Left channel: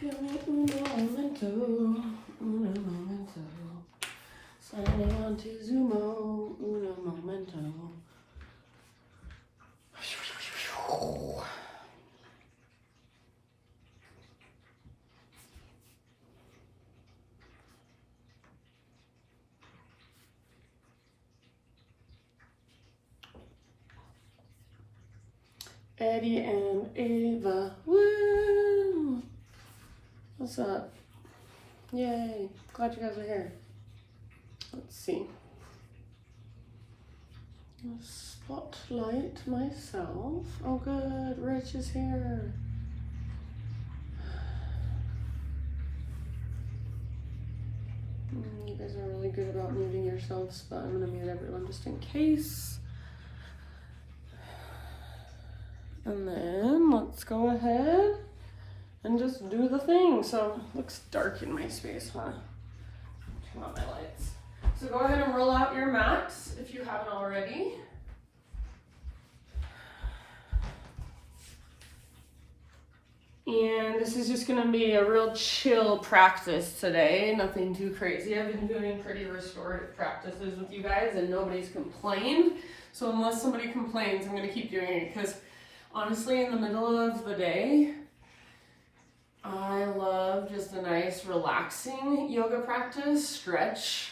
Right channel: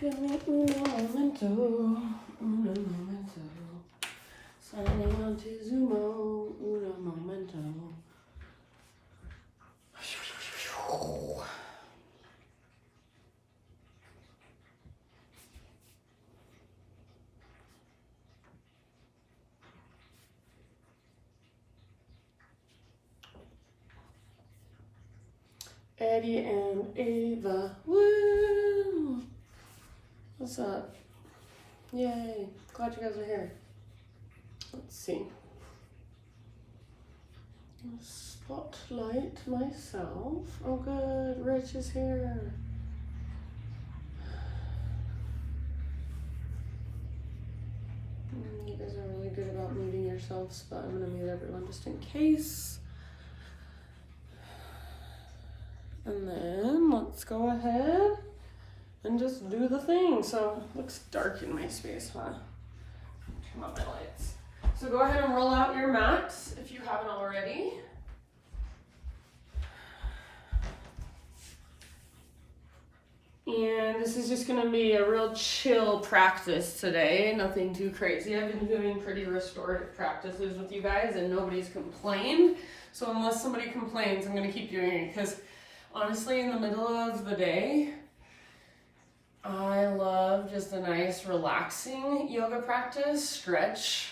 Give me un momento, signing on to Zumo, un momento. Eddie and Ava, woo! What's up? Yay, glad you guys are here. Let's see. Spotlight myself. Oh good, Rich is here. You guys are really good about muting yourselves, but I'm gonna mute everyone just in case. And then let's go ahead and just do the thing. So it looks dark in my space, huh? Turn on my lights. So go ahead and roll out your mats if you haven't already. And this is just gonna be a real chill practice today, nothing too crazy. I've been doing pretty restorative practices with you guys and nobody's complained. So unless somebody complains, I'm gonna keep doing it because honestly, in the middle of the day, I love just a nice relaxing yoga practice, stretch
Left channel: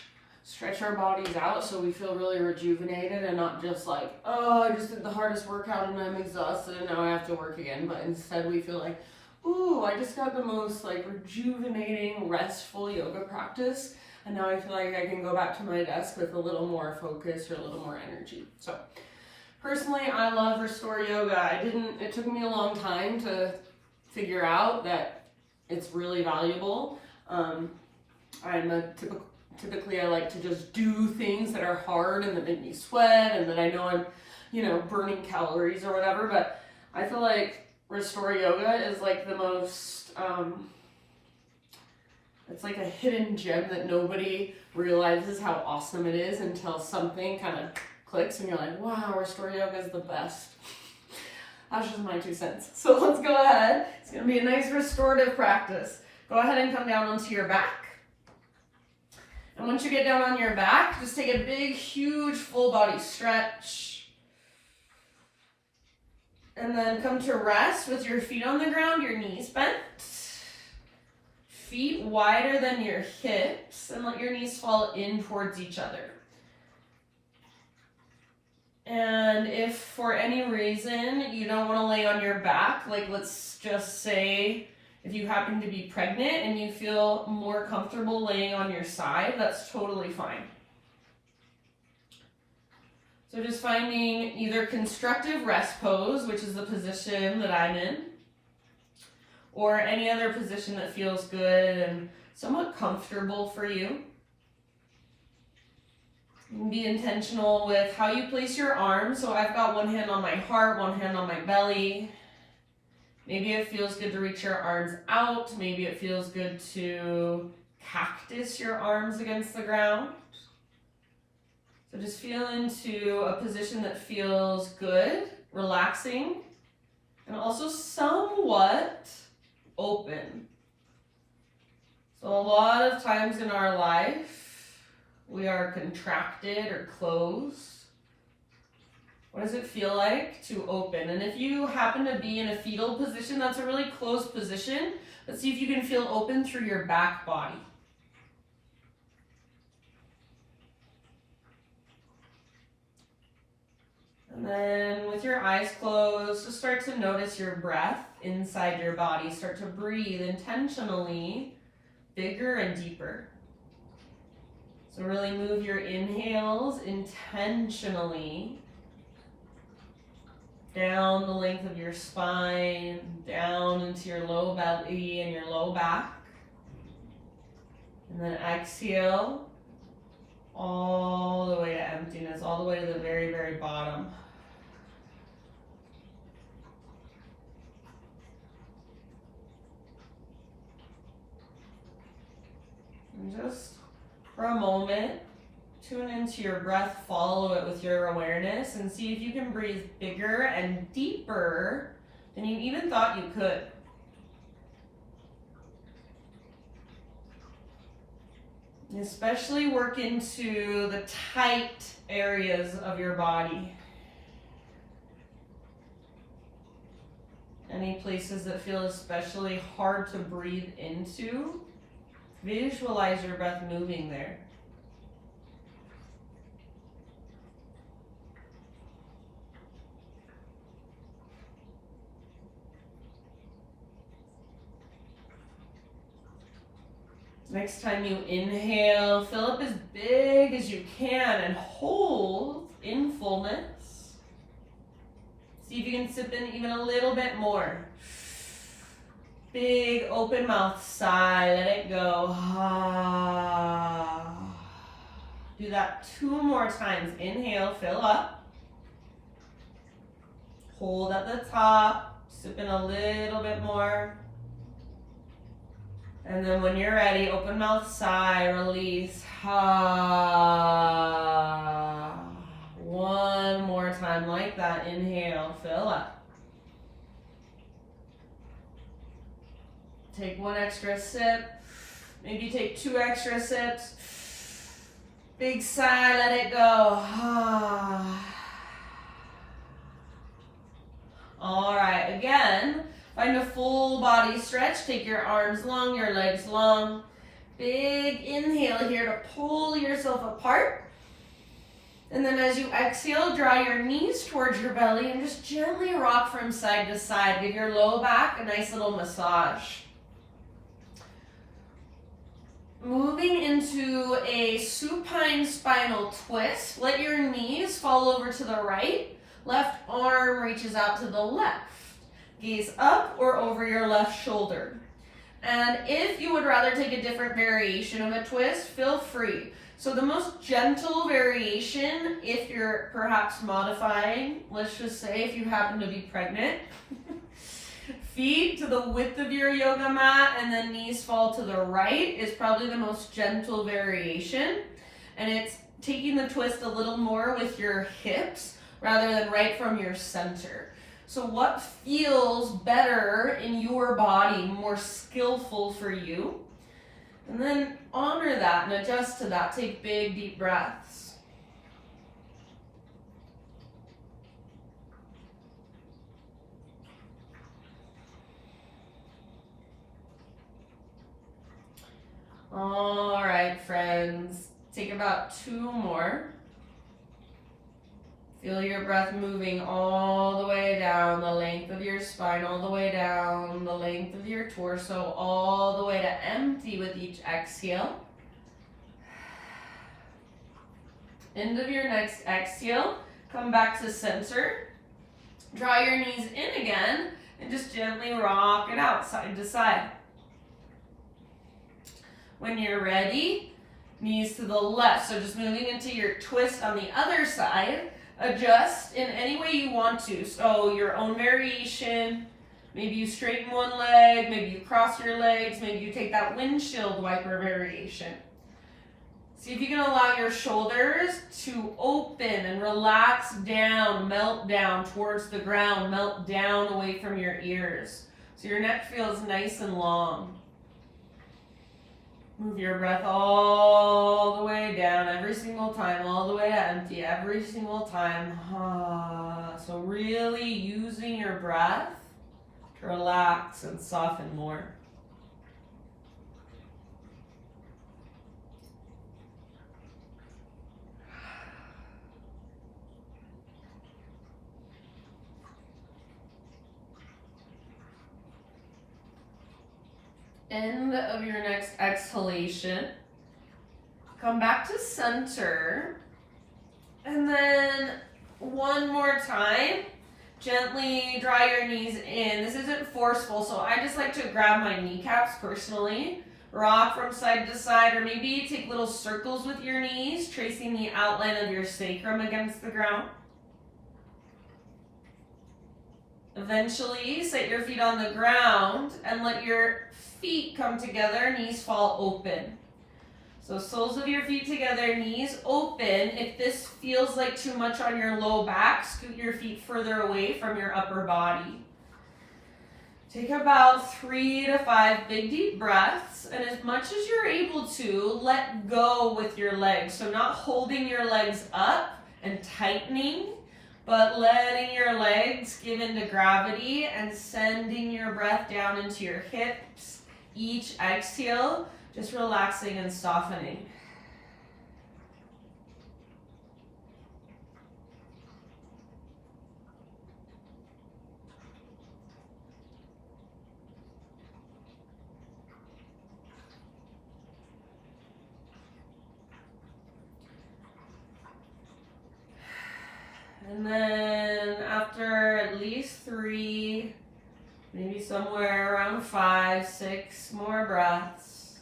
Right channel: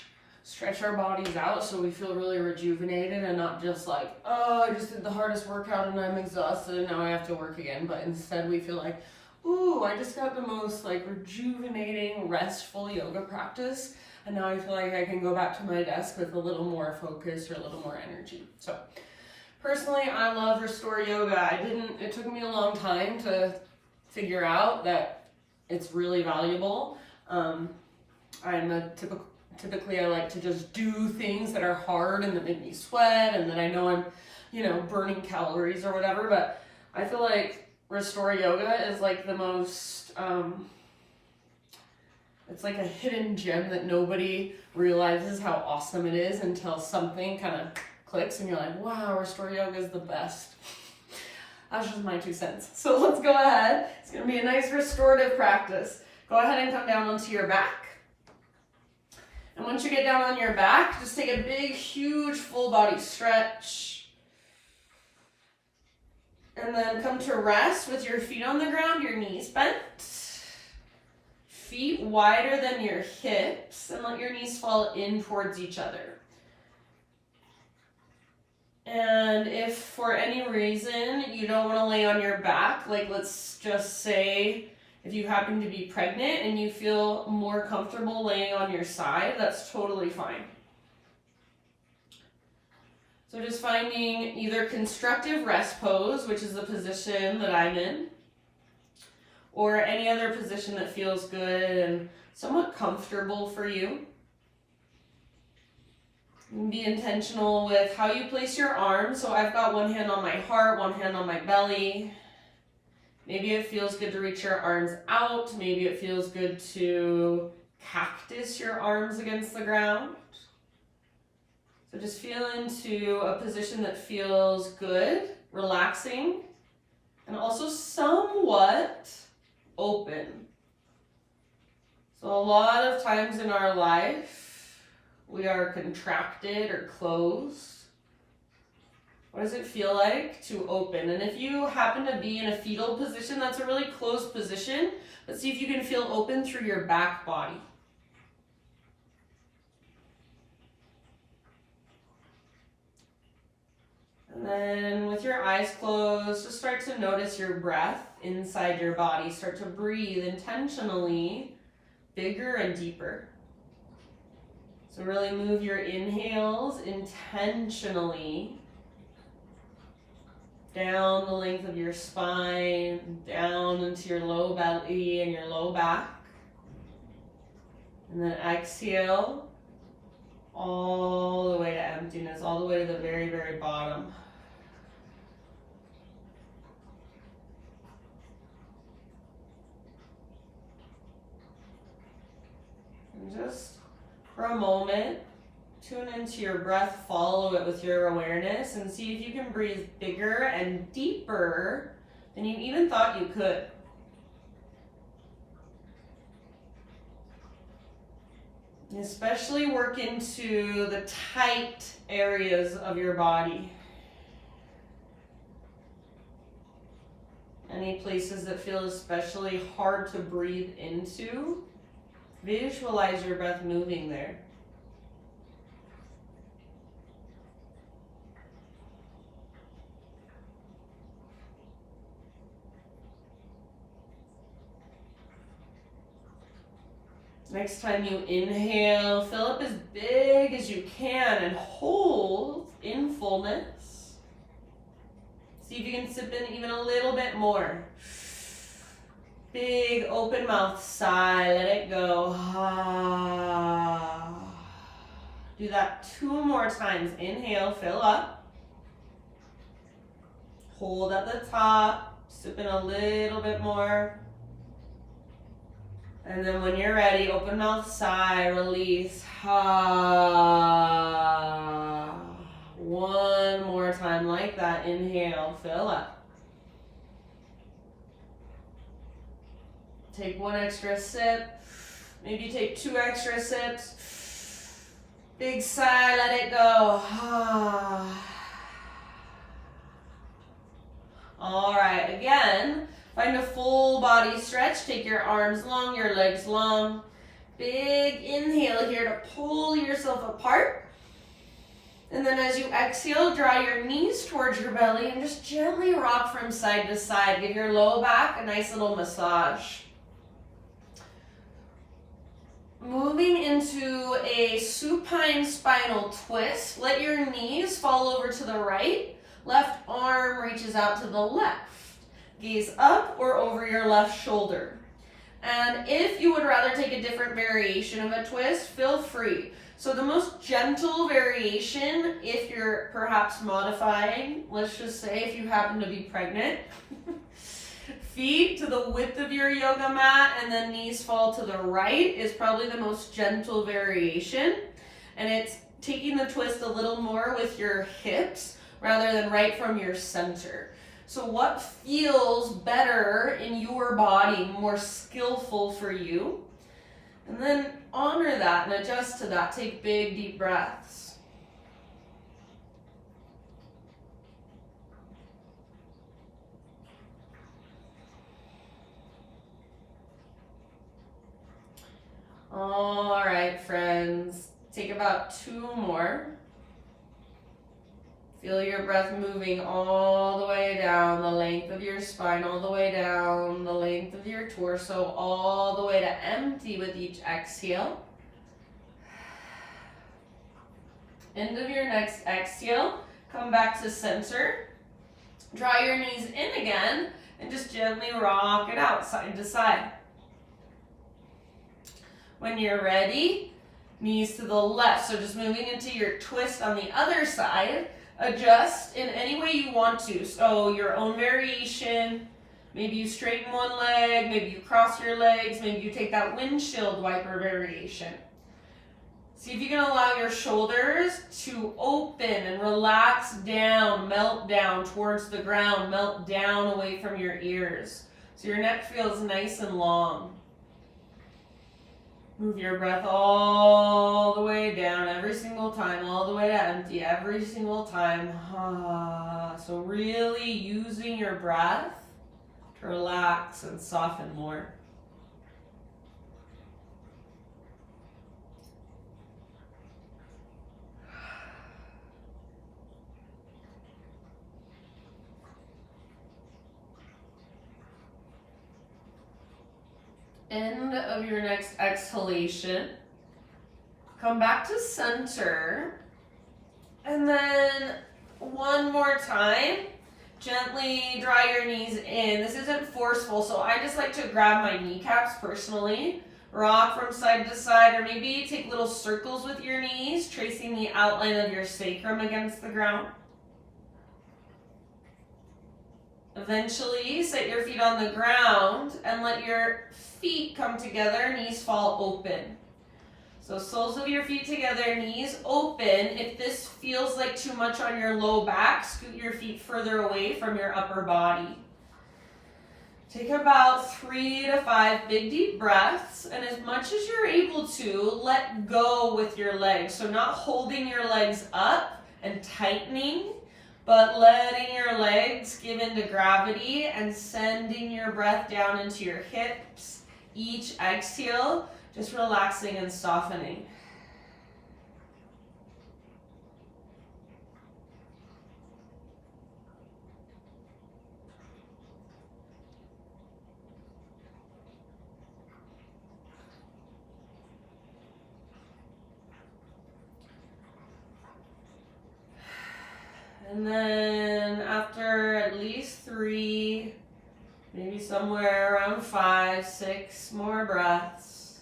our bodies out so we feel really rejuvenated and not just like, oh, I just did the hardest workout and I'm exhausted and now I have to work again. But instead we feel like, ooh, I just got the most like rejuvenating, restful yoga practice. And now I feel like I can go back to my desk with a little more focus or a little more energy. So personally, I love Restore Yoga. It took me a long time to figure out that it's really valuable. Typically I like to just do things that are hard and that make me sweat and that I know I'm, burning calories or whatever, but I feel like Restore Yoga is like the most, it's like a hidden gem that nobody realizes how awesome it is until something kind of clicks and you're like, wow, Restore Yoga is the best. That's just my 2 cents. So let's go ahead. It's gonna be a nice restorative practice. Go ahead and come down onto your back. And once you get down on your back, just take a big, huge full body stretch. And then come to rest with your feet on the ground, your knees bent. Feet wider than your hips, and let your knees fall in towards each other. And if for any reason you don't want to lay on your back, like let's just say if you happen to be pregnant and you feel more comfortable laying on your side, that's totally fine. So just finding either constructive rest pose, which is the position that I'm in, or any other position that feels good and somewhat comfortable for you. Be intentional with how you place your arms. So I've got one hand on my heart, one hand on my belly. Maybe it feels good to reach your arms out. Maybe it feels good to cactus your arms against the ground. So just feel into a position that feels good, relaxing, and also somewhat open. So a lot of times in our life, we are contracted or closed. What does it feel like to open? And if you happen to be in a fetal position, that's a really closed position. Let's see if you can feel open through your back body. And then with your eyes closed, just start to notice your breath inside your body. Start to breathe intentionally, bigger and deeper. So really move your inhales intentionally down the length of your spine, down into your low belly and your low back. And then exhale all the way to emptiness, all the way to the very, very bottom. And just for a moment, tune into your breath, follow it with your awareness, and see if you can breathe bigger and deeper than you even thought you could. Especially work into the tight areas of your body. Any places that feel especially hard to breathe into, visualize your breath moving there. Next time you inhale, fill up as big as you can and hold in fullness. See if you can sip in even a little bit more. Big open mouth, sigh, let it go. Do that 2 more times. Inhale, fill up. Hold at the top, sip in a little bit more. And then when you're ready, open mouth, sigh, release. One more time like that. Inhale, fill up. Take 1 extra sip. Maybe take 2 extra sips. Big sigh, let it go. All right, again. Find a full body stretch. Take your arms long, your legs long. Big inhale here to pull yourself apart. And then as you exhale, draw your knees towards your belly and just gently rock from side to side. Give your low back a nice little massage. Moving into a supine spinal twist. Let your knees fall over to the right. Left arm reaches out to the left. Gaze up or over your left shoulder. And if you would rather take a different variation of a twist, feel free. So the most gentle variation, if you're perhaps modifying, let's just say if you happen to be pregnant, feet to the width of your yoga mat and then knees fall to the right is probably the most gentle variation. And it's taking the twist a little more with your hips rather than right from your center. So what feels better in your body, more skillful for you? And then honor that and adjust to that. Take big, deep breaths. All right, friends. Take about 2 more. Feel your breath moving all the way down the length of your spine, all the way down the length of your torso, all the way to empty with each exhale. End of your next exhale, come back to center. Draw your knees in again and just gently rock it out side to side. When you're ready, knees to the left. So just moving into your twist on the other side. Adjust in any way you want to. So your own variation. Maybe you straighten one leg, maybe you cross your legs, maybe you take that windshield wiper variation. See if you can allow your shoulders to open and relax down, melt down towards the ground, melt down away from your ears. So your neck feels nice and long. Move your breath all the way down every single time, all the way to empty every single time. So really using your breath to relax and soften more. End of your next exhalation. Come back to center. And then one more time, gently draw your knees in. This isn't forceful, so I just like to grab my kneecaps personally. Rock from side to side, or maybe take little circles with your knees, tracing the outline of your sacrum against the ground. Eventually, set your feet on the ground and let your feet come together, knees fall open. So soles of your feet together, knees open. If this feels like too much on your low back, scoot your feet further away from your upper body. Take about 3 to 5 big deep breaths, and as much as you're able to, let go with your legs. So not holding your legs up and tightening, but letting your legs give into gravity and sending your breath down into your hips. Each exhale, just relaxing and softening. And then after at least 3, maybe somewhere around 5, 6 more breaths,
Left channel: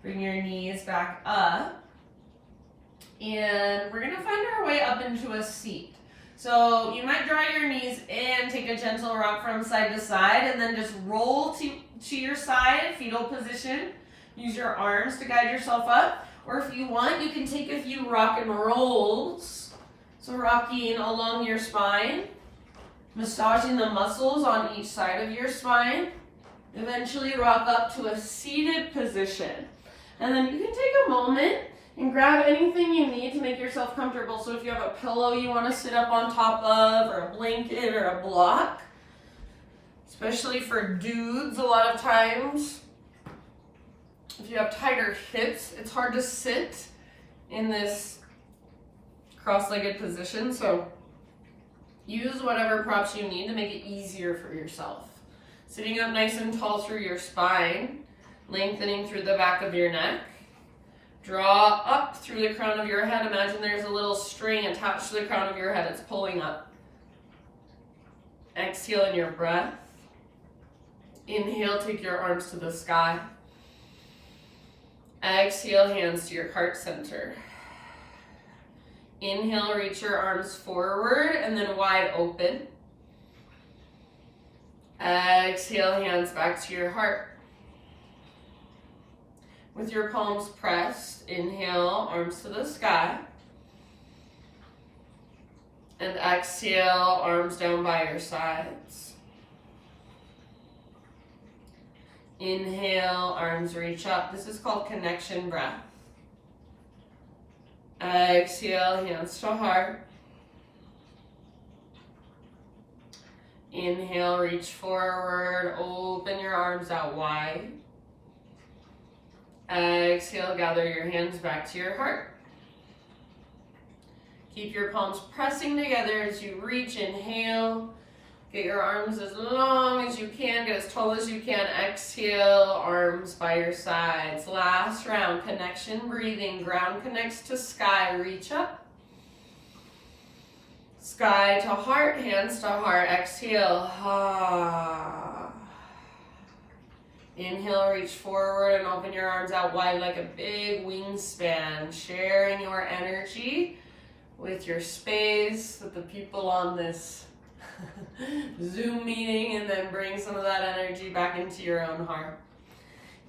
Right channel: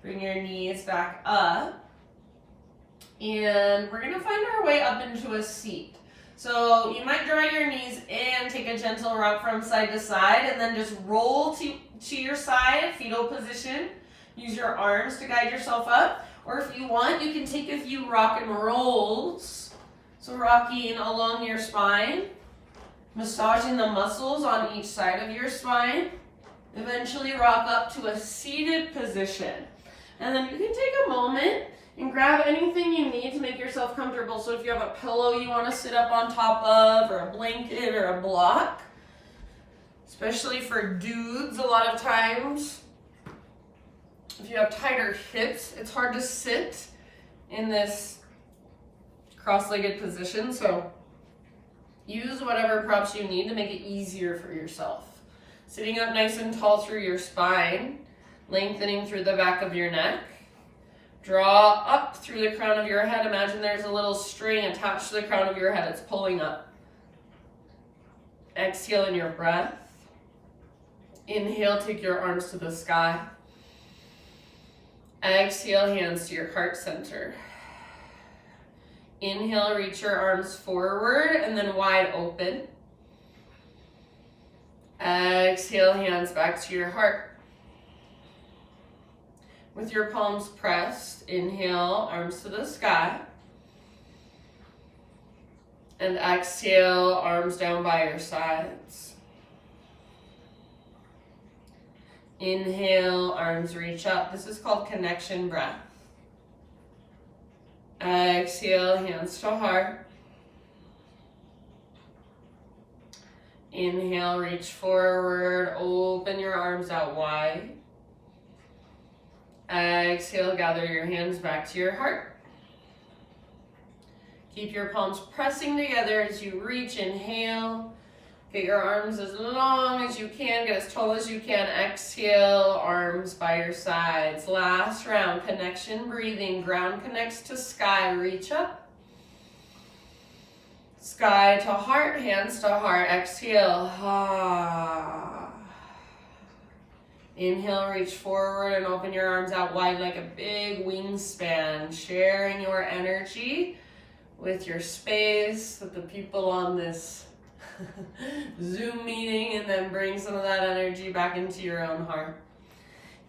bring your knees back up. And we're gonna find our way up into a seat. So you might draw your knees in, take a gentle rock from side to side, and then just roll to your side, fetal position. Use your arms to guide yourself up. Or if you want, you can take a few rock and rolls. So rocking along your spine, massaging the muscles on each side of your spine. Eventually rock up to a seated position. And then you can take a moment and grab anything you need to make yourself comfortable. So if you have a pillow you want to sit up on top of, or a blanket or a block, especially for dudes a lot of times, if you have tighter hips, it's hard to sit in this cross-legged position, so use whatever props you need to make it easier for yourself. Sitting up nice and tall through your spine, lengthening through the back of your neck. Draw up through the crown of your head. Imagine there's a little string attached to the crown of your head. It's pulling up. Exhale in your breath. Inhale, take your arms to the sky. Exhale, hands to your heart center. Inhale, reach your arms forward and then wide open. Exhale, hands back to your heart. With your palms pressed, inhale, arms to the sky. And exhale, arms down by your sides. Inhale, arms reach up. This is called connection breath. Exhale, hands to heart. Inhale, reach forward, open your arms out wide. Exhale, gather your hands back to your heart. Keep your palms pressing together as you reach. Inhale, get your arms as long as you can, get as tall as you can. Exhale, arms by your sides. Last round, connection breathing. Ground connects to sky, reach up. Sky to heart, hands to heart. Exhale, Inhale, reach forward and open your arms out wide like a big wingspan, sharing your energy with your space, with the people on this Zoom meeting, and then bring some of that energy back into your own heart.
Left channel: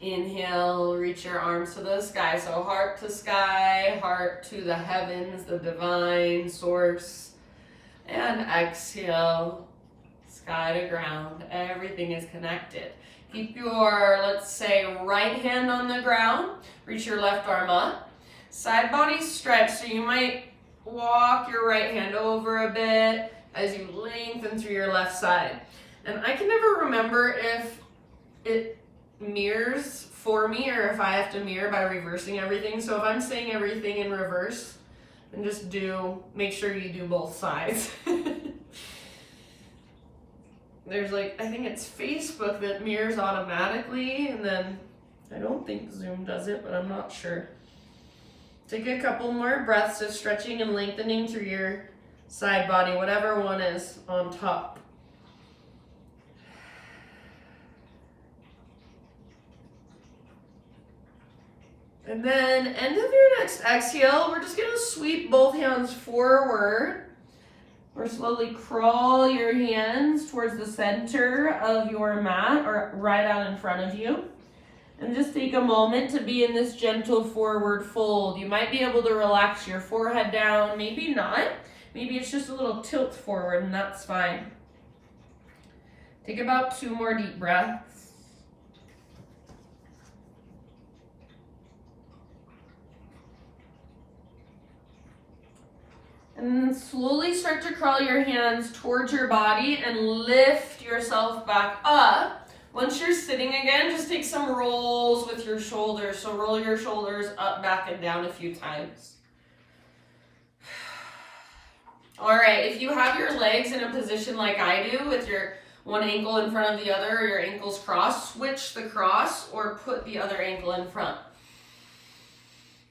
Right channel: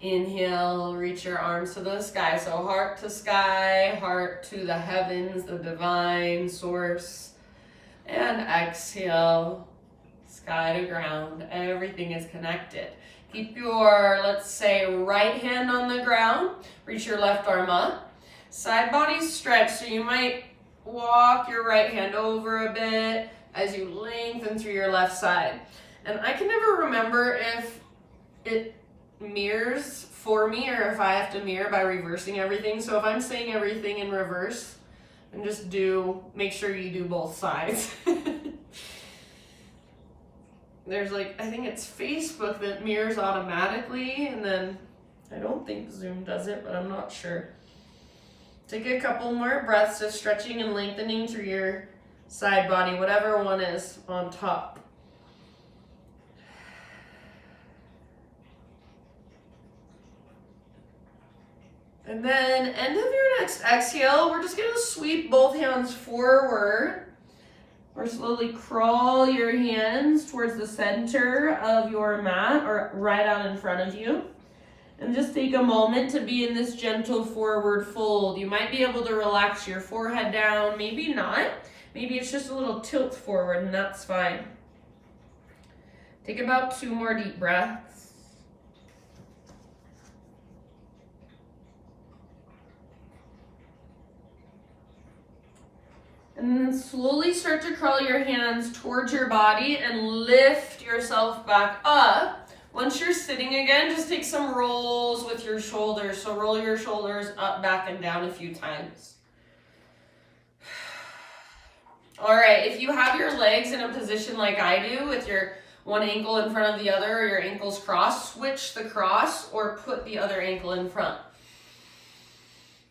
Inhale, reach your arms to the sky. So heart to sky, heart to the heavens, the divine source. And exhale, sky to ground. Everything is connected. Keep your, let's say, right hand on the ground. Reach your left arm up. Side body stretch, so you might walk your right hand over a bit as you lengthen through your left side. And I can never remember if it mirrors for me or if I have to mirror by reversing everything. So if I'm saying everything in reverse, then just make sure you do both sides. There's I think it's Facebook that mirrors automatically, and then I don't think Zoom does it, but I'm not sure. Take a couple more breaths, just stretching and lengthening through your side body, whatever one is on top. And then end of your next exhale, we're just gonna sweep both hands forward, or slowly crawl your hands towards the center of your mat or right out in front of you. And just take a moment to be in this gentle forward fold. You might be able to relax your forehead down, maybe not. Maybe it's just a little tilt forward, and that's fine. Take about 2 more deep breaths. And then slowly start to crawl your hands towards your body and lift yourself back up. Once you're sitting again, just take some rolls with your shoulders. So roll your shoulders up, back, and down a few times. All right, if you have your legs in a position like I do, with your one ankle in front of the other or your ankles crossed, switch the cross or put the other ankle in front.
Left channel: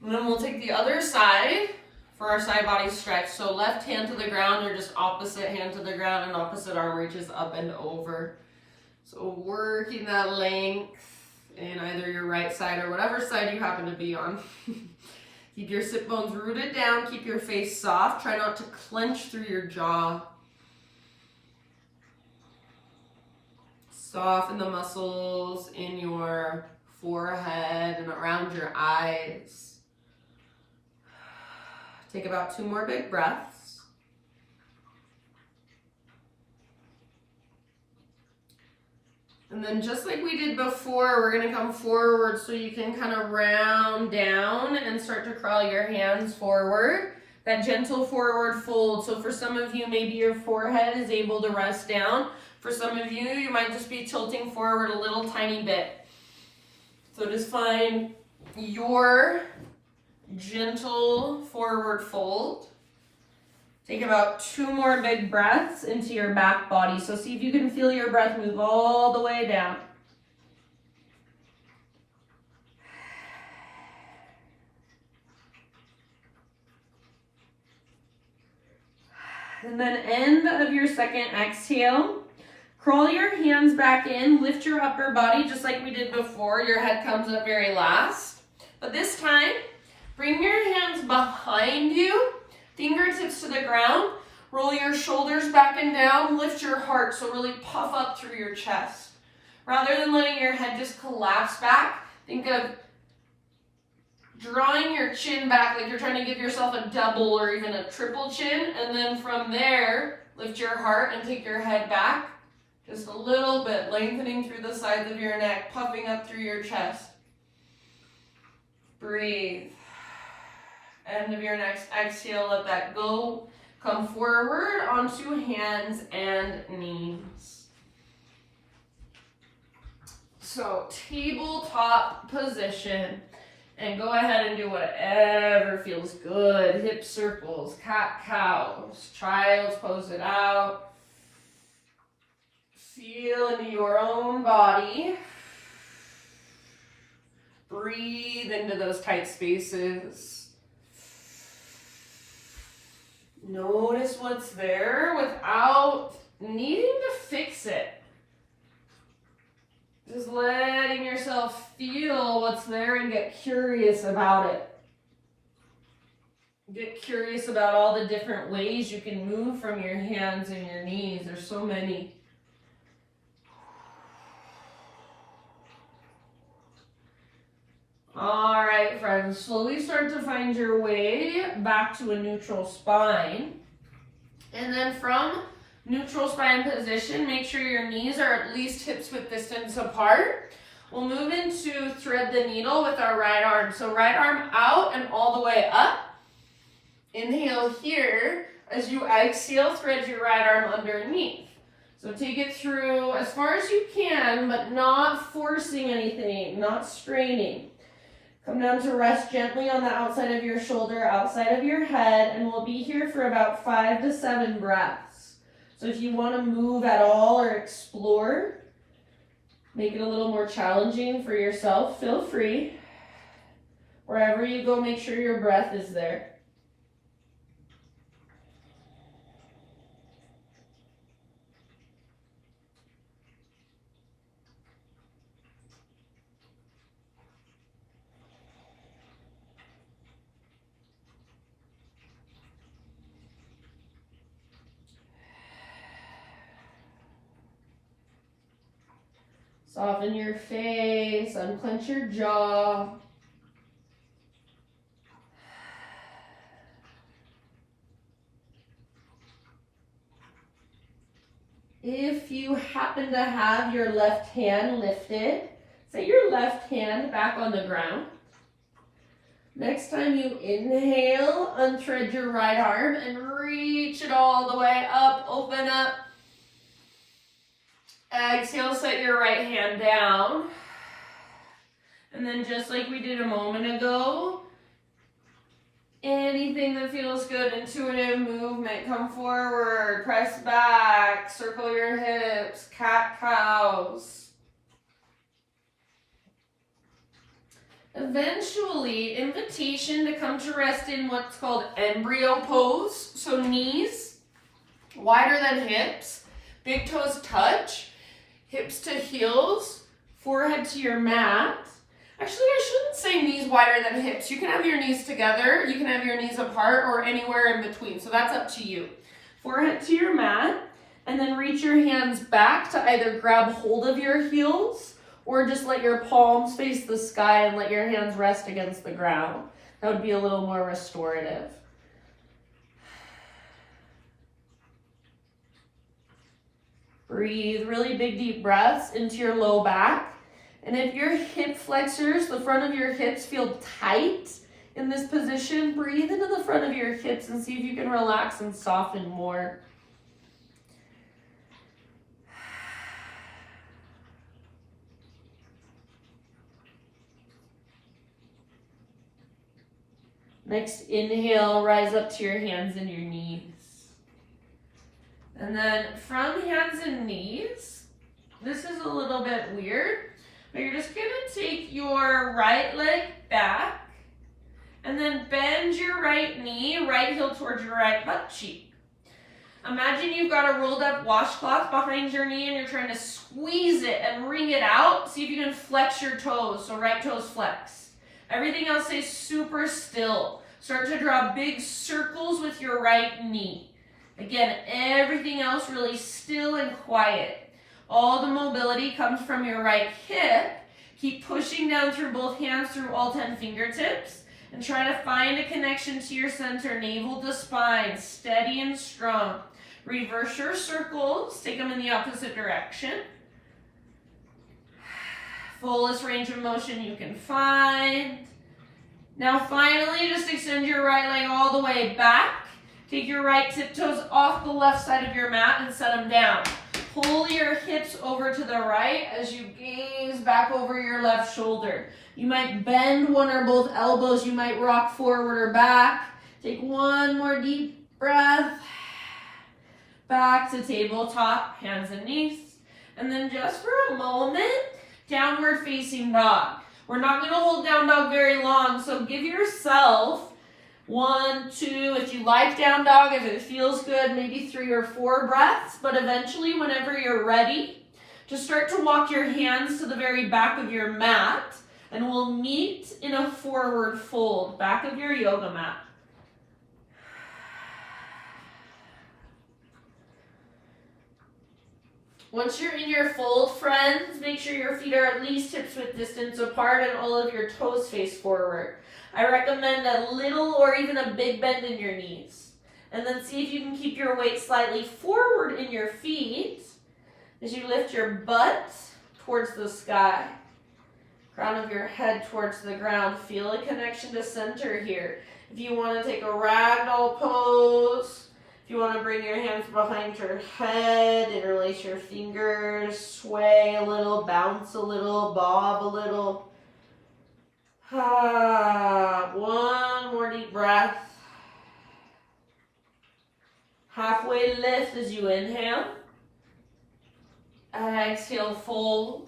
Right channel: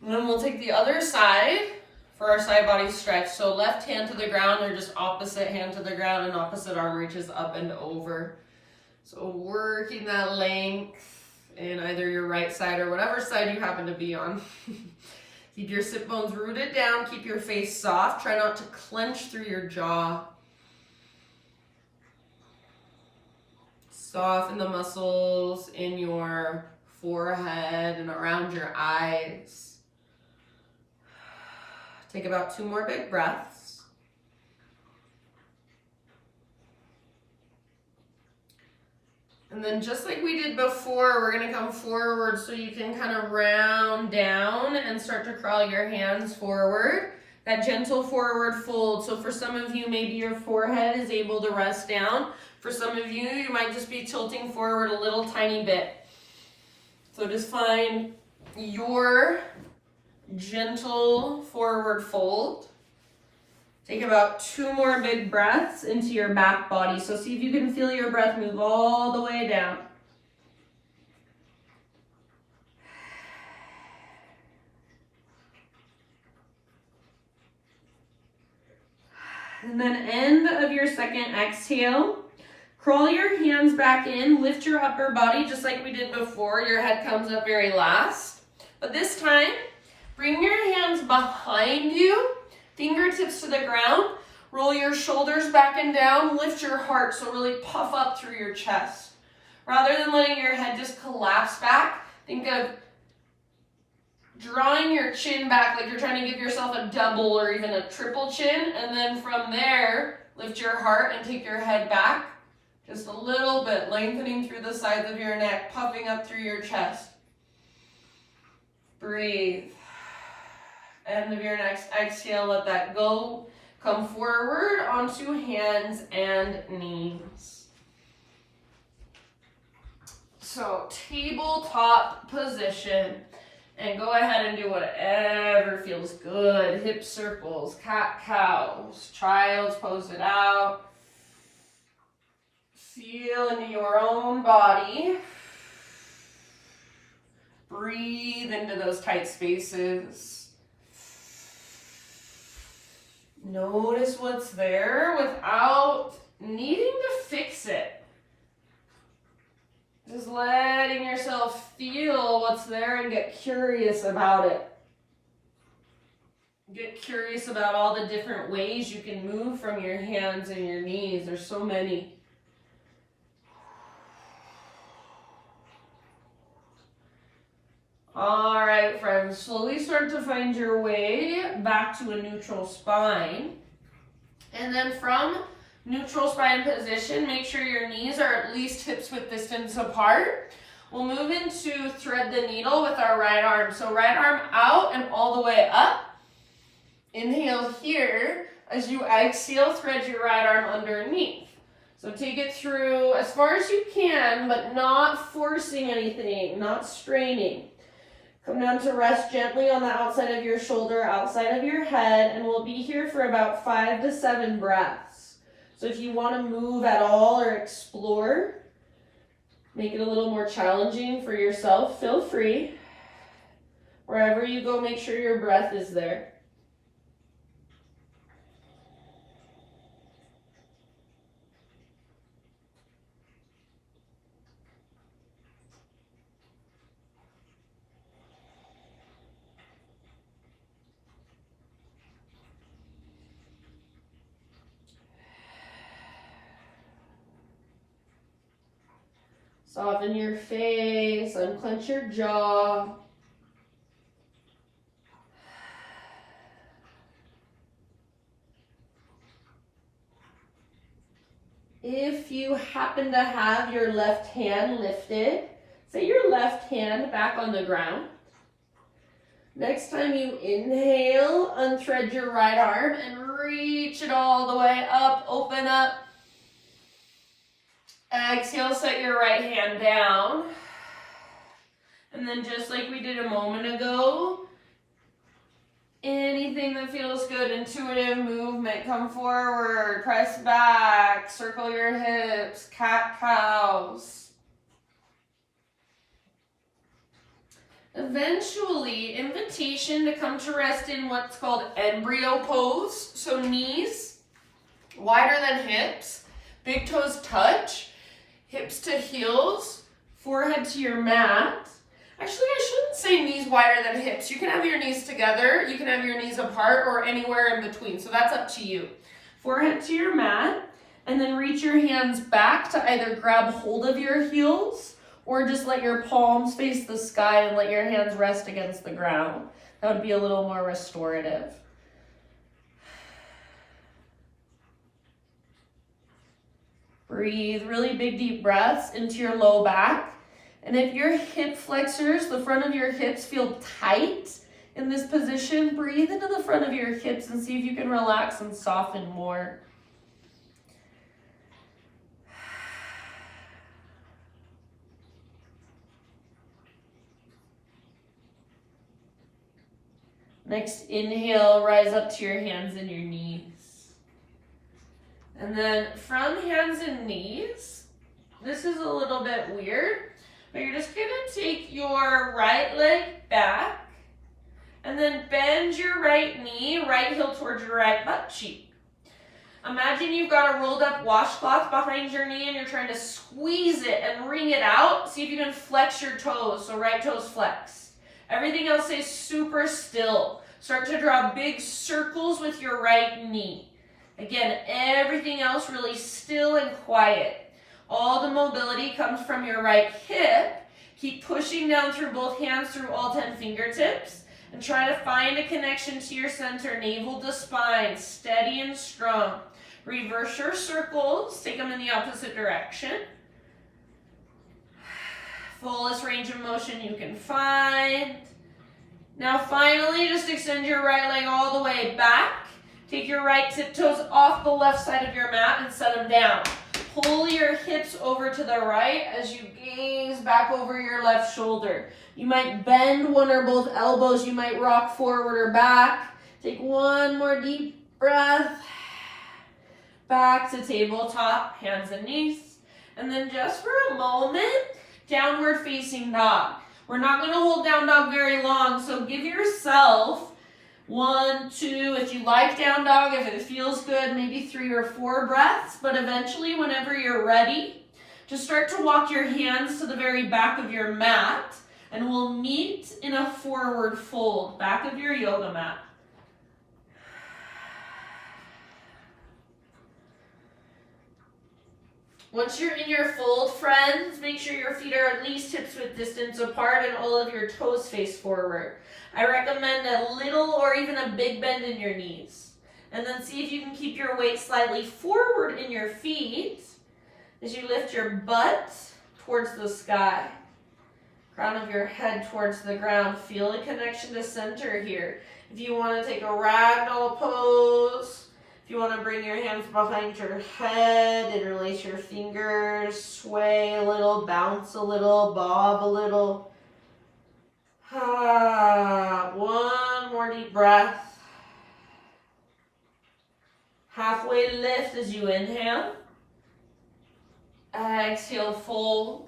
And then we'll take the other side for our side body stretch. So left hand to the ground or just opposite hand to the ground, and opposite arm reaches up and over. So working that length in either your right side or whatever side you happen to be on. Keep your sit bones rooted down, keep your face soft. Try not to clench through your jaw. Soften the muscles in your forehead and around your eyes. Take about 2 more big breaths. And then just like we did before, we're gonna come forward so you can kind of round down and start to crawl your hands forward. That gentle forward fold. So for some of you, maybe your forehead is able to rest down. For some of you, you might just be tilting forward a little tiny bit. So just find your gentle forward fold. Take about 2 more big breaths into your back body. So see if you can feel your breath move all the way down. And then end of your second exhale. Crawl your hands back in, lift your upper body just like we did before. Your head comes up very last. But this time, bring your hands behind you, fingertips to the ground. Roll your shoulders back and down, lift your heart, so really puff up through your chest. Rather than letting your head just collapse back, think of drawing your chin back like you're trying to give yourself a double or even a triple chin, and then from there, lift your heart and take your head back just a little bit, lengthening through the sides of your neck, puffing up through your chest. Breathe. End of your next exhale, let that go. Come forward onto hands and knees. So tabletop position. And go ahead and do whatever feels good. Hip circles, cat-cows, child's pose it out. Feel into your own body. Breathe into those tight spaces. Notice what's there without needing to fix it. Just letting yourself feel what's there and get curious about it. Get curious about all the different ways you can move from your hands and your knees. There's so many. All right, friends, slowly start to find your way back to a neutral spine. And then from neutral spine position, make sure your knees are at least hips width distance apart. We'll move into thread the needle with our right arm. So right arm out and all the way up. Inhale here. As you exhale, thread your right arm underneath. So take it through as far as you can, but not forcing anything, not straining. Come down to rest gently on the outside of your shoulder, outside of your head, and we'll be here for about 5 to 7 breaths. So if you want to move at all or explore, make it a little more challenging for yourself, feel free. Wherever you go, make sure your breath is there. Soften your face, unclench your jaw. if you happen to have your left hand lifted, set your left hand back on the ground. Next time you inhale, unthread your right arm and reach it all the way up, open up. Exhale, set your right hand down. And then just like we did a moment ago, anything that feels good, intuitive movement, come forward, press back, circle your hips, cat-cows. Eventually, invitation to come to rest in what's called embryo pose. So knees wider than hips, big toes touch, hips to heels, forehead to your mat. Actually, I shouldn't say knees wider than hips. You can have your knees together, you can have your knees apart, or anywhere in between. So that's up to you. Forehead to your mat, and then reach your hands back to either grab hold of your heels or just let your palms face the sky and let your hands rest against the ground. That would be a little more restorative. Breathe really big, deep breaths into your low back. And if your hip flexors, the front of your hips feel tight in this position, breathe into the front of your hips and see if you can relax and soften more. Next, inhale, rise up to your hands and your knees. And then from hands and knees, this is a little bit weird, but you're just gonna take your right leg back and then bend your right knee, right heel towards your right butt cheek. Imagine you've got a rolled up washcloth behind your knee and you're trying to squeeze it and wring it out. See if you can flex your toes, so right toes flex. Everything else stays super still. Start to draw big circles with your right knee. Again, everything else really still and quiet. All the mobility comes from your right hip. Keep pushing down through both hands through all 10 fingertips and try to find a connection to your center, navel to spine, steady and strong. Reverse your circles, take them in the opposite direction. Fullest range of motion you can find. Now finally, just extend your right leg all the way back. Take your right tiptoes off the left side of your mat and set them down. Pull your hips over to the right as you gaze back over your left shoulder. You might bend one or both elbows. You might rock forward or back. Take one more deep breath. Back to tabletop, hands and knees. And then just for a moment, downward facing dog. We're not going to hold down dog very long, so give yourself 1, 2, if you like down dog, if it feels good, maybe 3 or 4 breaths, but eventually whenever you're ready, just start to walk your hands to the very back of your mat, and we'll meet in a forward fold, back of your yoga mat. Once you're in your fold, friends, make sure your feet are at least hips-width distance apart and all of your toes face forward. I recommend a little or even a big bend in your knees. And then see if you can keep your weight slightly forward in your feet as you lift your butt towards the sky. Crown of your head towards the ground. Feel a connection to center here. If you want to take a ragdoll pose, if you want to bring your hands behind your head, interlace your fingers, sway a little, bounce a little, bob a little. One more deep breath. Halfway lift as you inhale. Exhale, fold.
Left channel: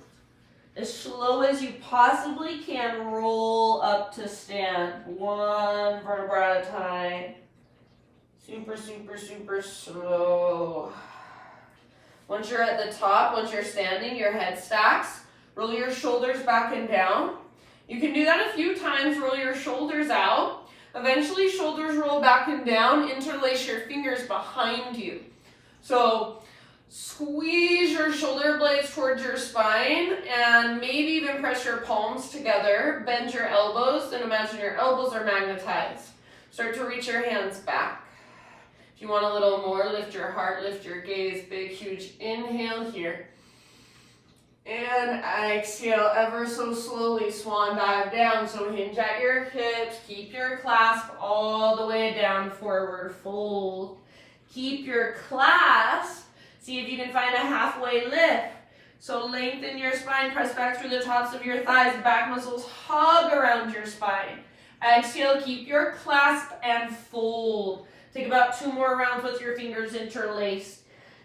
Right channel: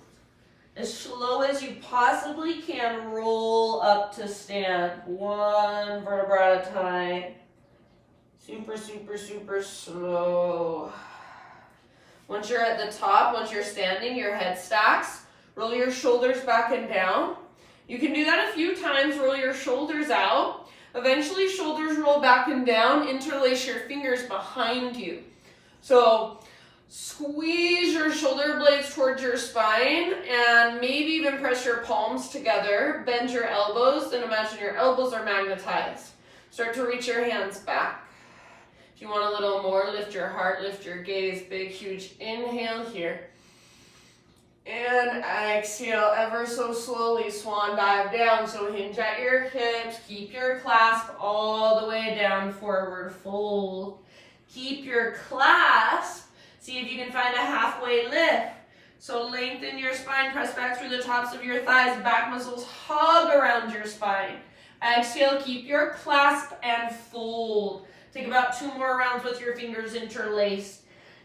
As slow as you possibly can, roll up to stand. One vertebra at a time. Super, super, super slow. Once you're at the top, once you're standing, your head stacks. Roll your shoulders back and down. You can do that a few times. Roll your shoulders out. Eventually, shoulders roll back and down. Interlace your fingers behind you. So squeeze your shoulder blades towards your spine and maybe even press your palms together. Bend your elbows and imagine your elbows are magnetized. Start to reach your hands back. If you want a little more, lift your heart, lift your gaze, big, huge inhale here. And exhale ever so slowly, swan dive down. So hinge at your hips, keep your clasp all the way down, forward fold. Keep your clasp, see if you can find a halfway lift. So lengthen your spine, press back through the tops of your thighs, back muscles hug around your spine. Exhale, keep your clasp and fold. Take about 2 more rounds with your fingers interlaced.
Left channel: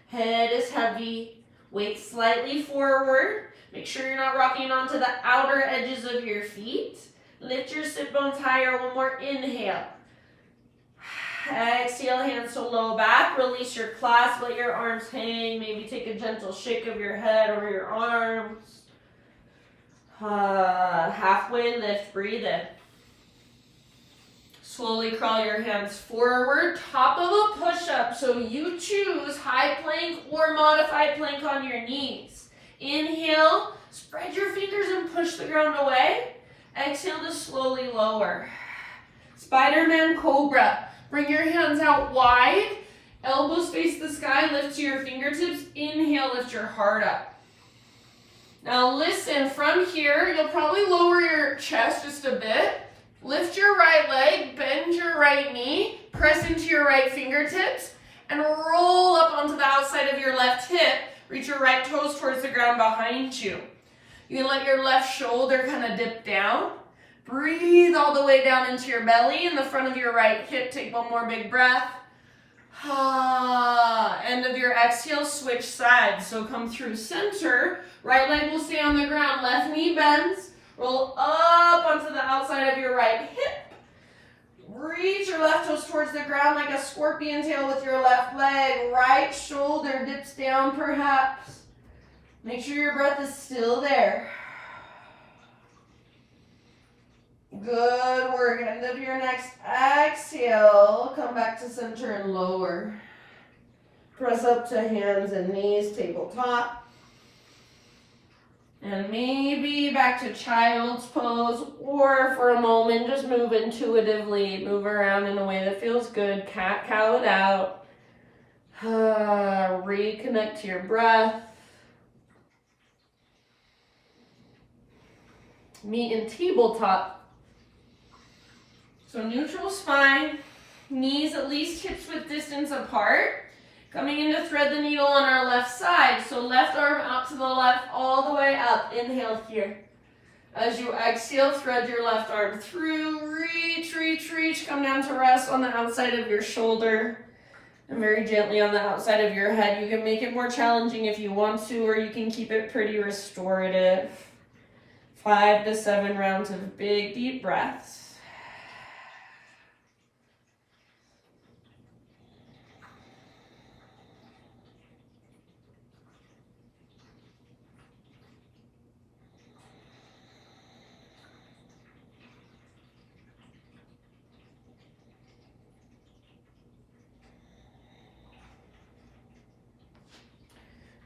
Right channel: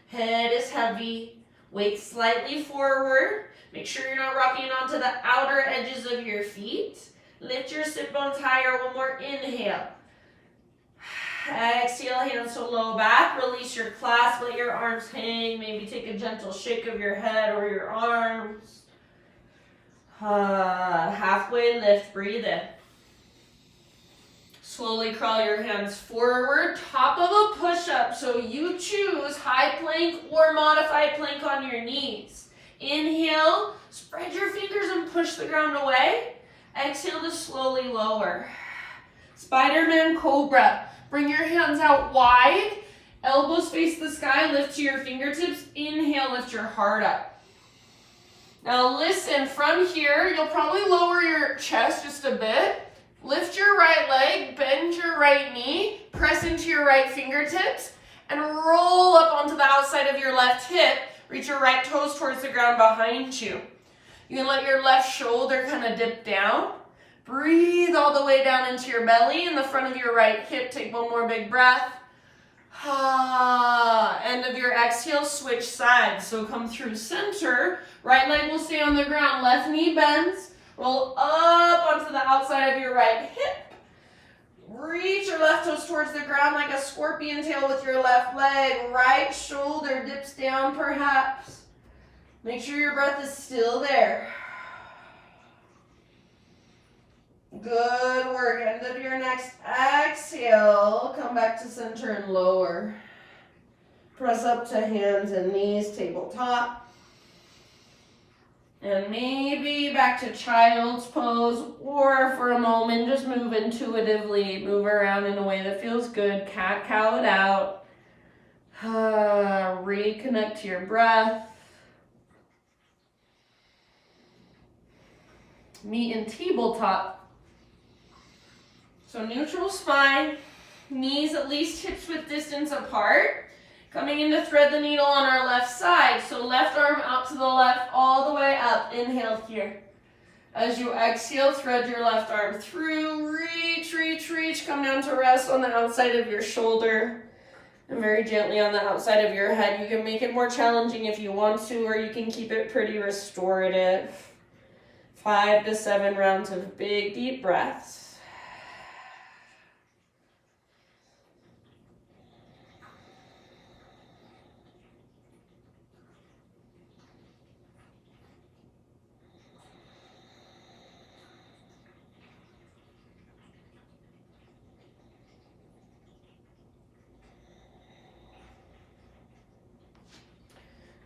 Head is heavy. Weight slightly forward. Make sure you're not rocking onto the outer edges of your feet. Lift your sit bones higher. One more inhale. Exhale, hands to low back. Release your clasp. Let your arms hang. Maybe take a gentle shake of your head or your arms. Halfway lift. Breathe in. Slowly crawl your hands forward, top of a push-up. So you choose high plank or modified plank on your knees. Inhale, spread your fingers and push the ground away. Exhale to slowly lower. Spider-Man Cobra. Bring your hands out wide. Elbows face the sky, lift to your fingertips. Inhale, lift your heart up. Now listen, from here, you'll probably lower your chest just a bit. Lift your right leg, bend your right knee, press into your right fingertips, and roll up onto the outside of your left hip. Reach your right toes towards the ground behind you. You can let your left shoulder kind of dip down. Breathe all the way down into your belly in the front of your right hip. Take one more big breath. End of your exhale, switch sides. So come through center. Right leg will stay on the ground. Left knee bends. Roll up onto the outside of your right hip. Reach your left toes towards the ground like a scorpion tail with your left leg. Right shoulder dips down perhaps. Make sure your breath is still there. Good work. End of your next exhale. Come back to center and lower. Press up to hands and knees, tabletop. And maybe back to child's pose, or for a moment, just move intuitively. Move around in a way that feels good. Cat-cow it out. Reconnect to your breath. Meet in tabletop. So neutral spine, knees at least hips width distance apart. Coming in to thread the needle on our left side. So left arm out to the left, all the way up. Inhale here. As you exhale, thread your left arm through. Reach, reach, reach. Come down to rest on the outside of your shoulder. And very gently on the outside of your head. You can make it more challenging if you want to, or you can keep it pretty restorative. 5 to 7 rounds of big, deep breaths.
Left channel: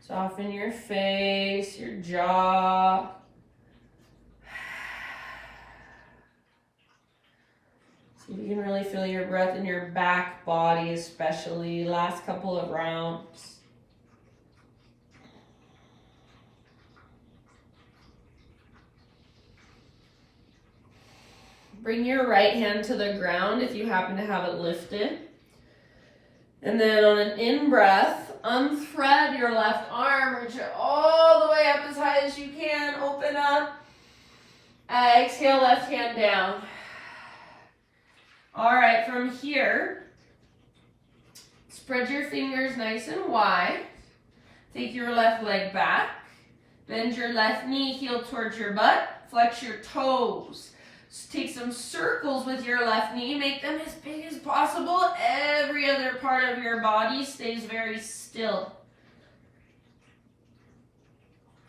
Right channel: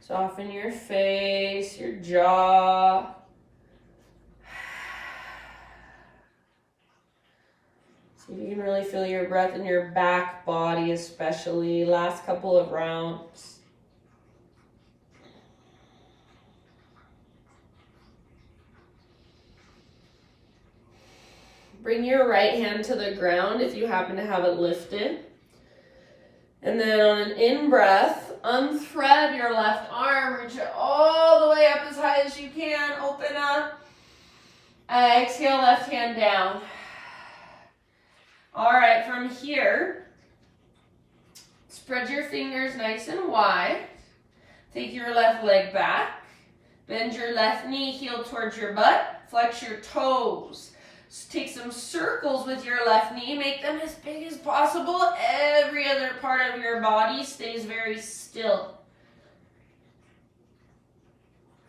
Soften your face, your jaw. See if you can really feel your breath in your back body, especially. Last couple of rounds. Bring your right hand to the ground if you happen to have it lifted. And then on an in-breath, unthread your left arm, reach it all the way up as high as you can, open up. Exhale, left hand down. All right, from here, spread your fingers nice and wide. Take your left leg back. Bend your left knee, heel towards your butt. Flex your toes. Take some circles with your left knee. Make them as big as possible. Every other part of your body stays very still.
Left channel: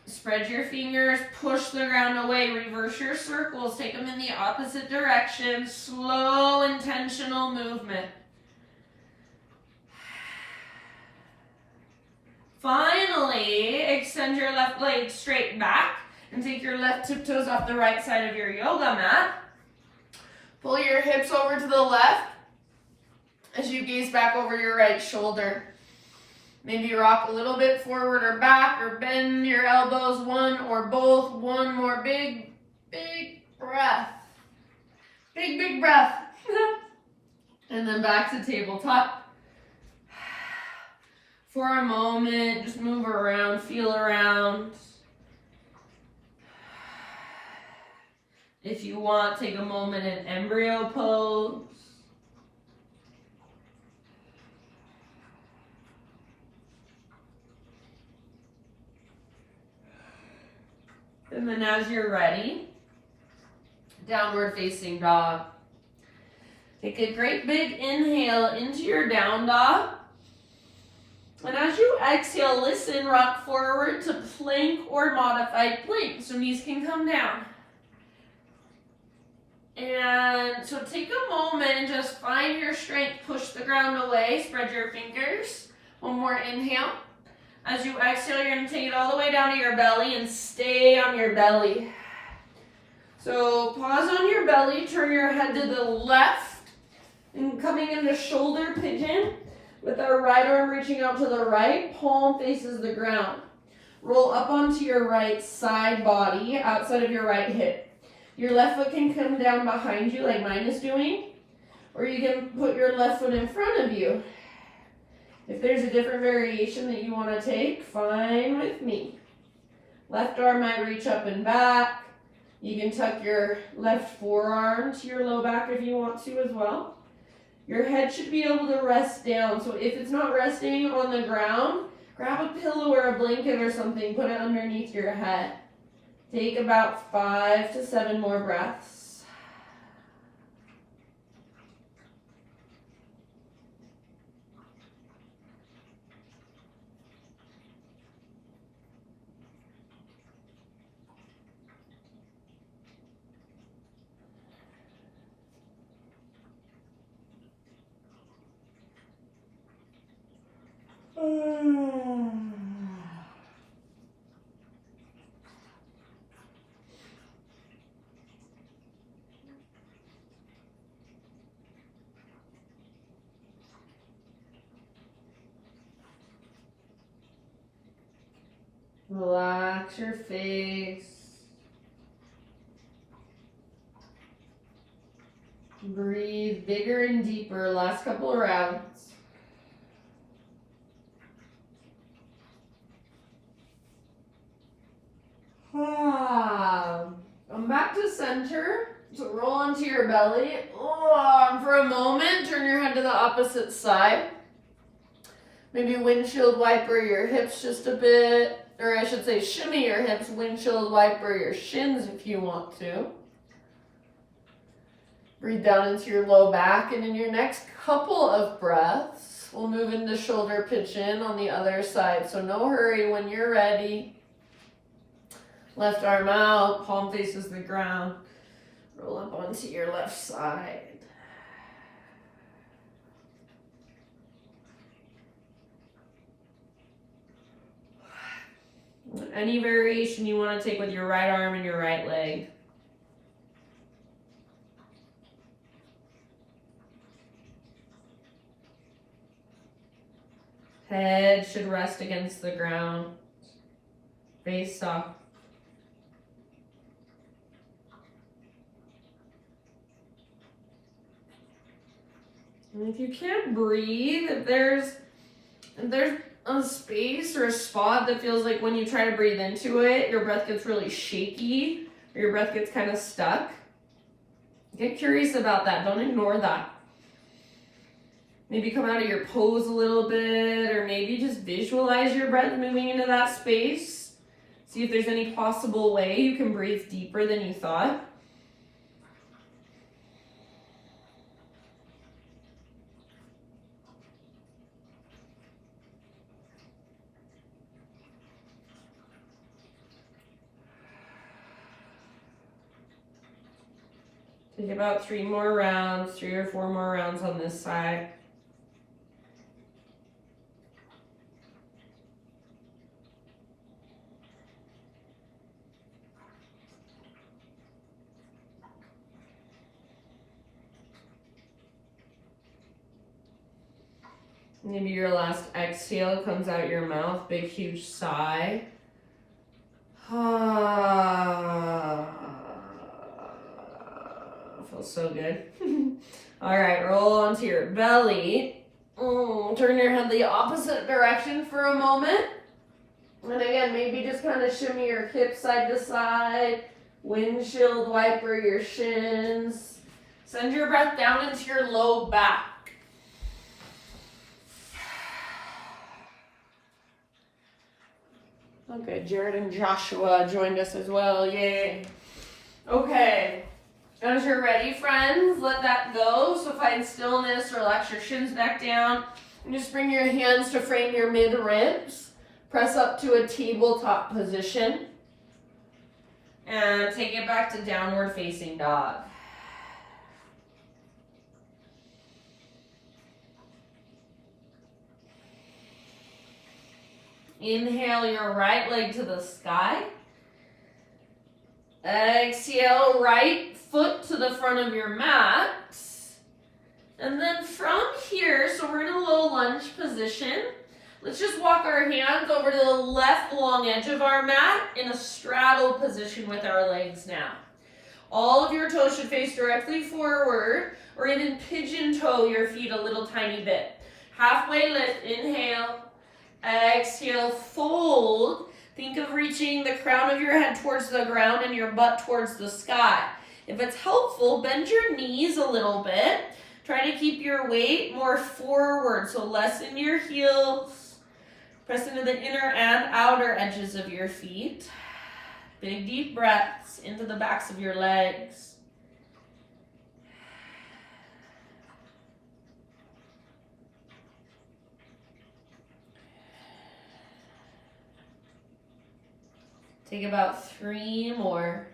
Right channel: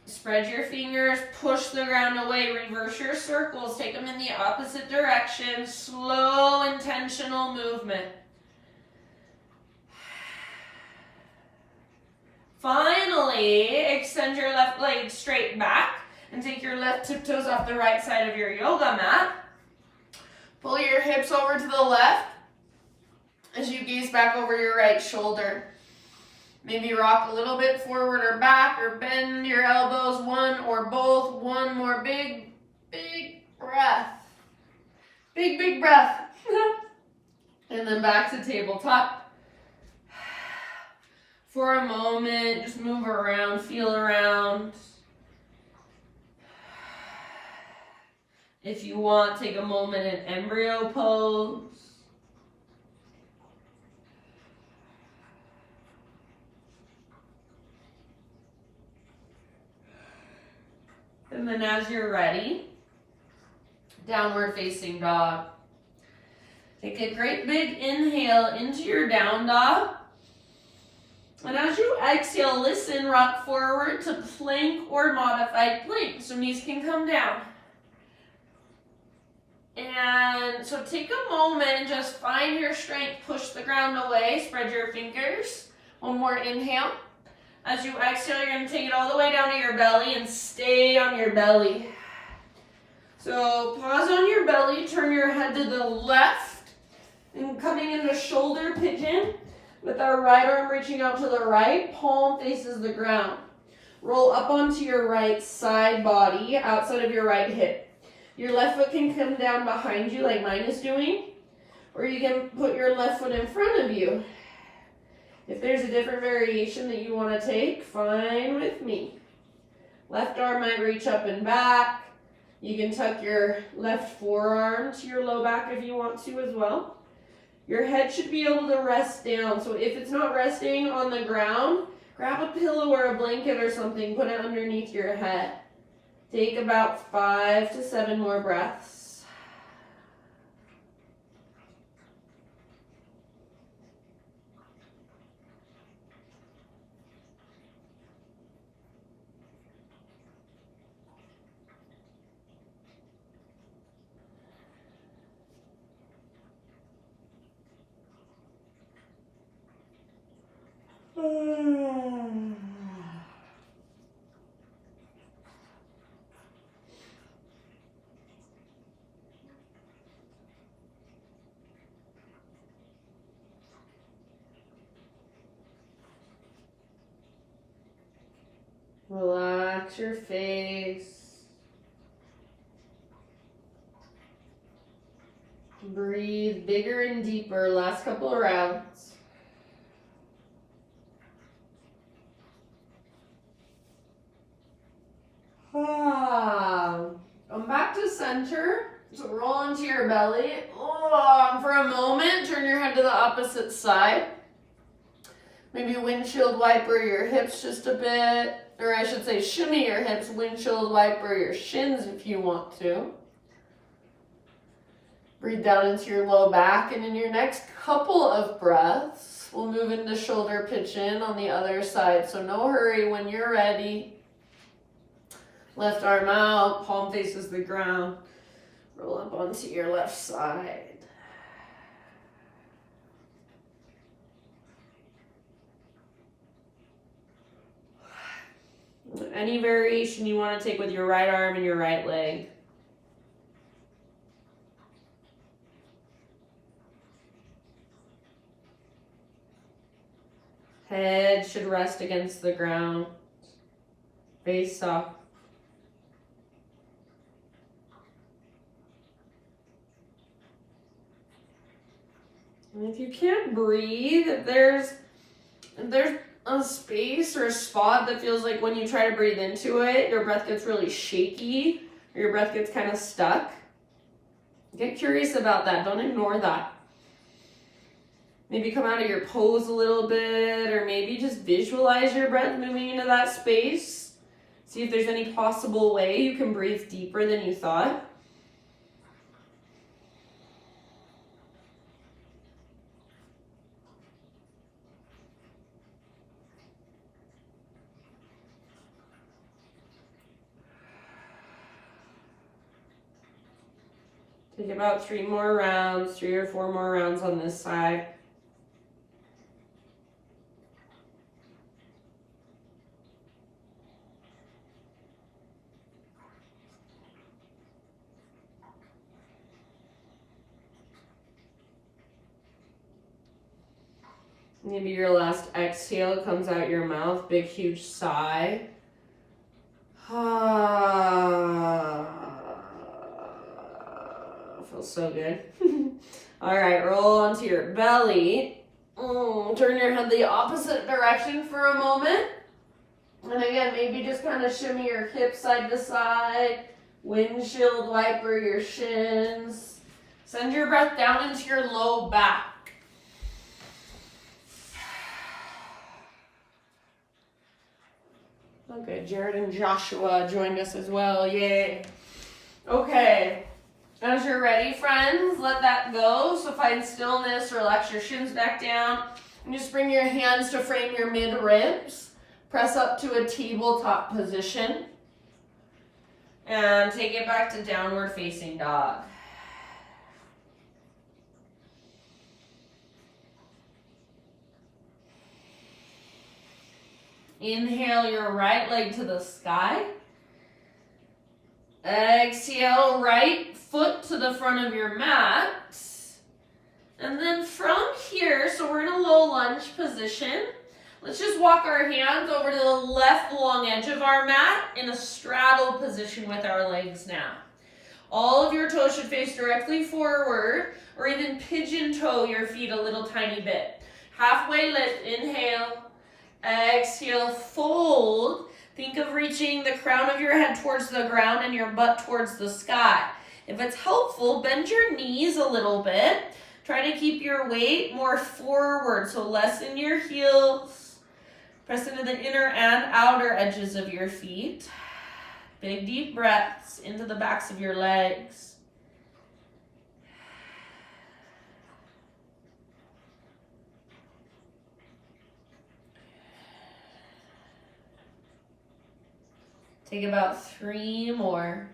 Spread your fingers. Push the ground away. Reverse your circles. Take them in the opposite direction. Slow, intentional movement. Finally, extend your left leg straight back. And take your left tiptoes off the right side of your yoga mat. Pull your hips over to the left. as you gaze back over your right shoulder. Maybe rock a little bit forward or back, or bend your elbows, one or both. One more big, big breath. Big, big breath. And then back to tabletop. For a moment, just move around, feel around. If you want, take a moment in embryo pose. And then as you're ready, downward facing dog. Take a great big inhale into your down dog. And as you exhale, listen, rock forward to plank or modified plank. So knees can come down. And so take a moment and just find your strength. Push the ground away, spread your fingers. One more inhale. As you exhale, you're going to take it all the way down to your belly and stay on your belly. So pause on your belly, turn your head to the left, and coming into shoulder pigeon with our right arm reaching out to the right, palm faces the ground. Roll up onto your right side body, outside of your right hip. Your left foot can come down behind you like mine is doing, or you can put your left foot in front of you. If there's a different variation that you want to take, fine with me. Left arm might reach up and back. You can tuck your left forearm to your low back if you want to as well. Your head should be able to rest down. So if it's not resting on the ground, grab a pillow or a blanket or something, put it underneath your head. Take about 5 to 7 more breaths. Relax your face. Breathe bigger and deeper. Last couple of rounds. Come back to center. So roll onto your belly. For a moment, turn your head to the opposite side. Maybe windshield wiper your hips just a bit. Or I should say shimmy your hips, windshield wiper your shins if you want to. Breathe down into your low back, and in your next couple of breaths, we'll move into shoulder pigeon on the other side. So no hurry when you're ready. Left arm out, palm faces the ground. Roll up onto your left side. Any variation you want to take with your right arm and your right leg. Head should rest against the ground. Face soft. And if you can't breathe, if there's a space or a spot that feels like when you try to breathe into it, your breath gets really shaky, or your breath gets kind of stuck, get curious about that. Don't ignore that. Maybe come out of your pose a little bit, or maybe just visualize your breath moving into that space. See if there's any possible way you can breathe deeper than you thought. Take about 3 more rounds, 3 or 4 more rounds on this side. Maybe your last exhale comes out your mouth, big huge sigh. Feels so good. All right, roll onto your belly. Turn your head the opposite direction for a moment. And again, maybe just kind of shimmy your hips side to side, windshield wiper your shins. Send your breath down into your low back. Okay, Jared and Joshua joined us as well, yay. Okay, as you're ready, friends, let that go. So find stillness, relax your shins back down, and just bring your hands to frame your mid-ribs. Press up to a tabletop position and take it back to downward facing dog. Inhale your right leg to the sky. Exhale, right foot to the front of your mat. And then from here, so we're in a low lunge position. Let's just walk our hands over to the left long edge of our mat in a straddle position with our legs now. All of your toes should face directly forward, or even pigeon toe your feet a little tiny bit. Halfway lift, inhale. Exhale, fold. Think of reaching the crown of your head towards the ground and your butt towards the sky. If it's helpful, bend your knees a little bit. Try to keep your weight more forward, so lessen your heels. Press into the inner and outer edges of your feet. Big deep breaths into the backs of your legs. Take about 3 more.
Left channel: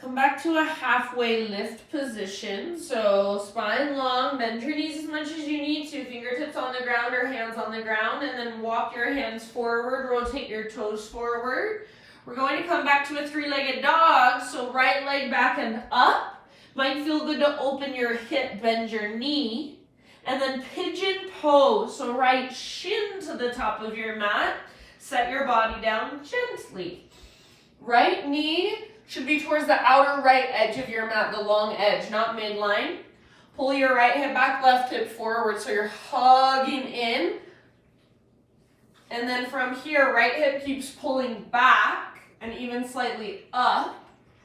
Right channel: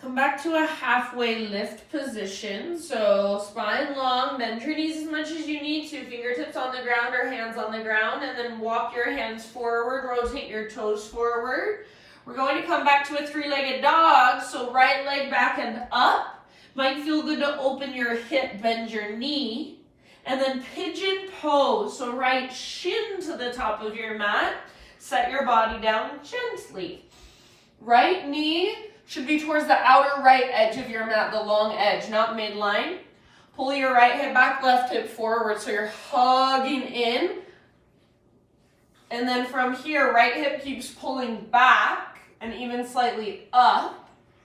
Come back to a halfway lift position. So spine long, bend your knees as much as you need to, fingertips on the ground or hands on the ground, and then walk your hands forward, rotate your toes forward. We're going to come back to a 3-legged dog, so right leg back and up. Might feel good to open your hip, bend your knee, and then pigeon pose, so right shin to the top of your mat. Set your body down gently. Right knee should be towards the outer right edge of your mat, the long edge, not midline. Pull your right hip back, left hip forward, so you're hugging in. And then from here, right hip keeps pulling back and even slightly up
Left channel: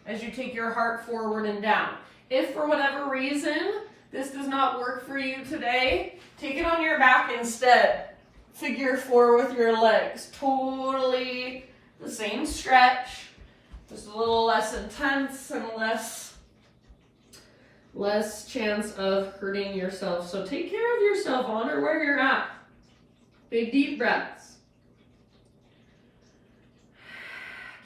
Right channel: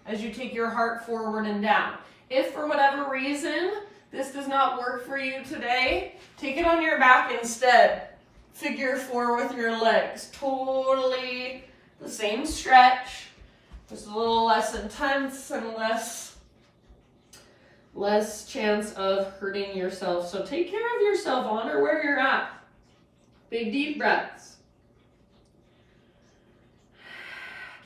as you take your heart forward and down. If for whatever reason this does not work for you today, take it on your back instead. Figure 4 with your legs. Totally the same stretch. Just a little less intense and less chance of hurting yourself. So take care of yourself, honor where you're at. Big deep breaths.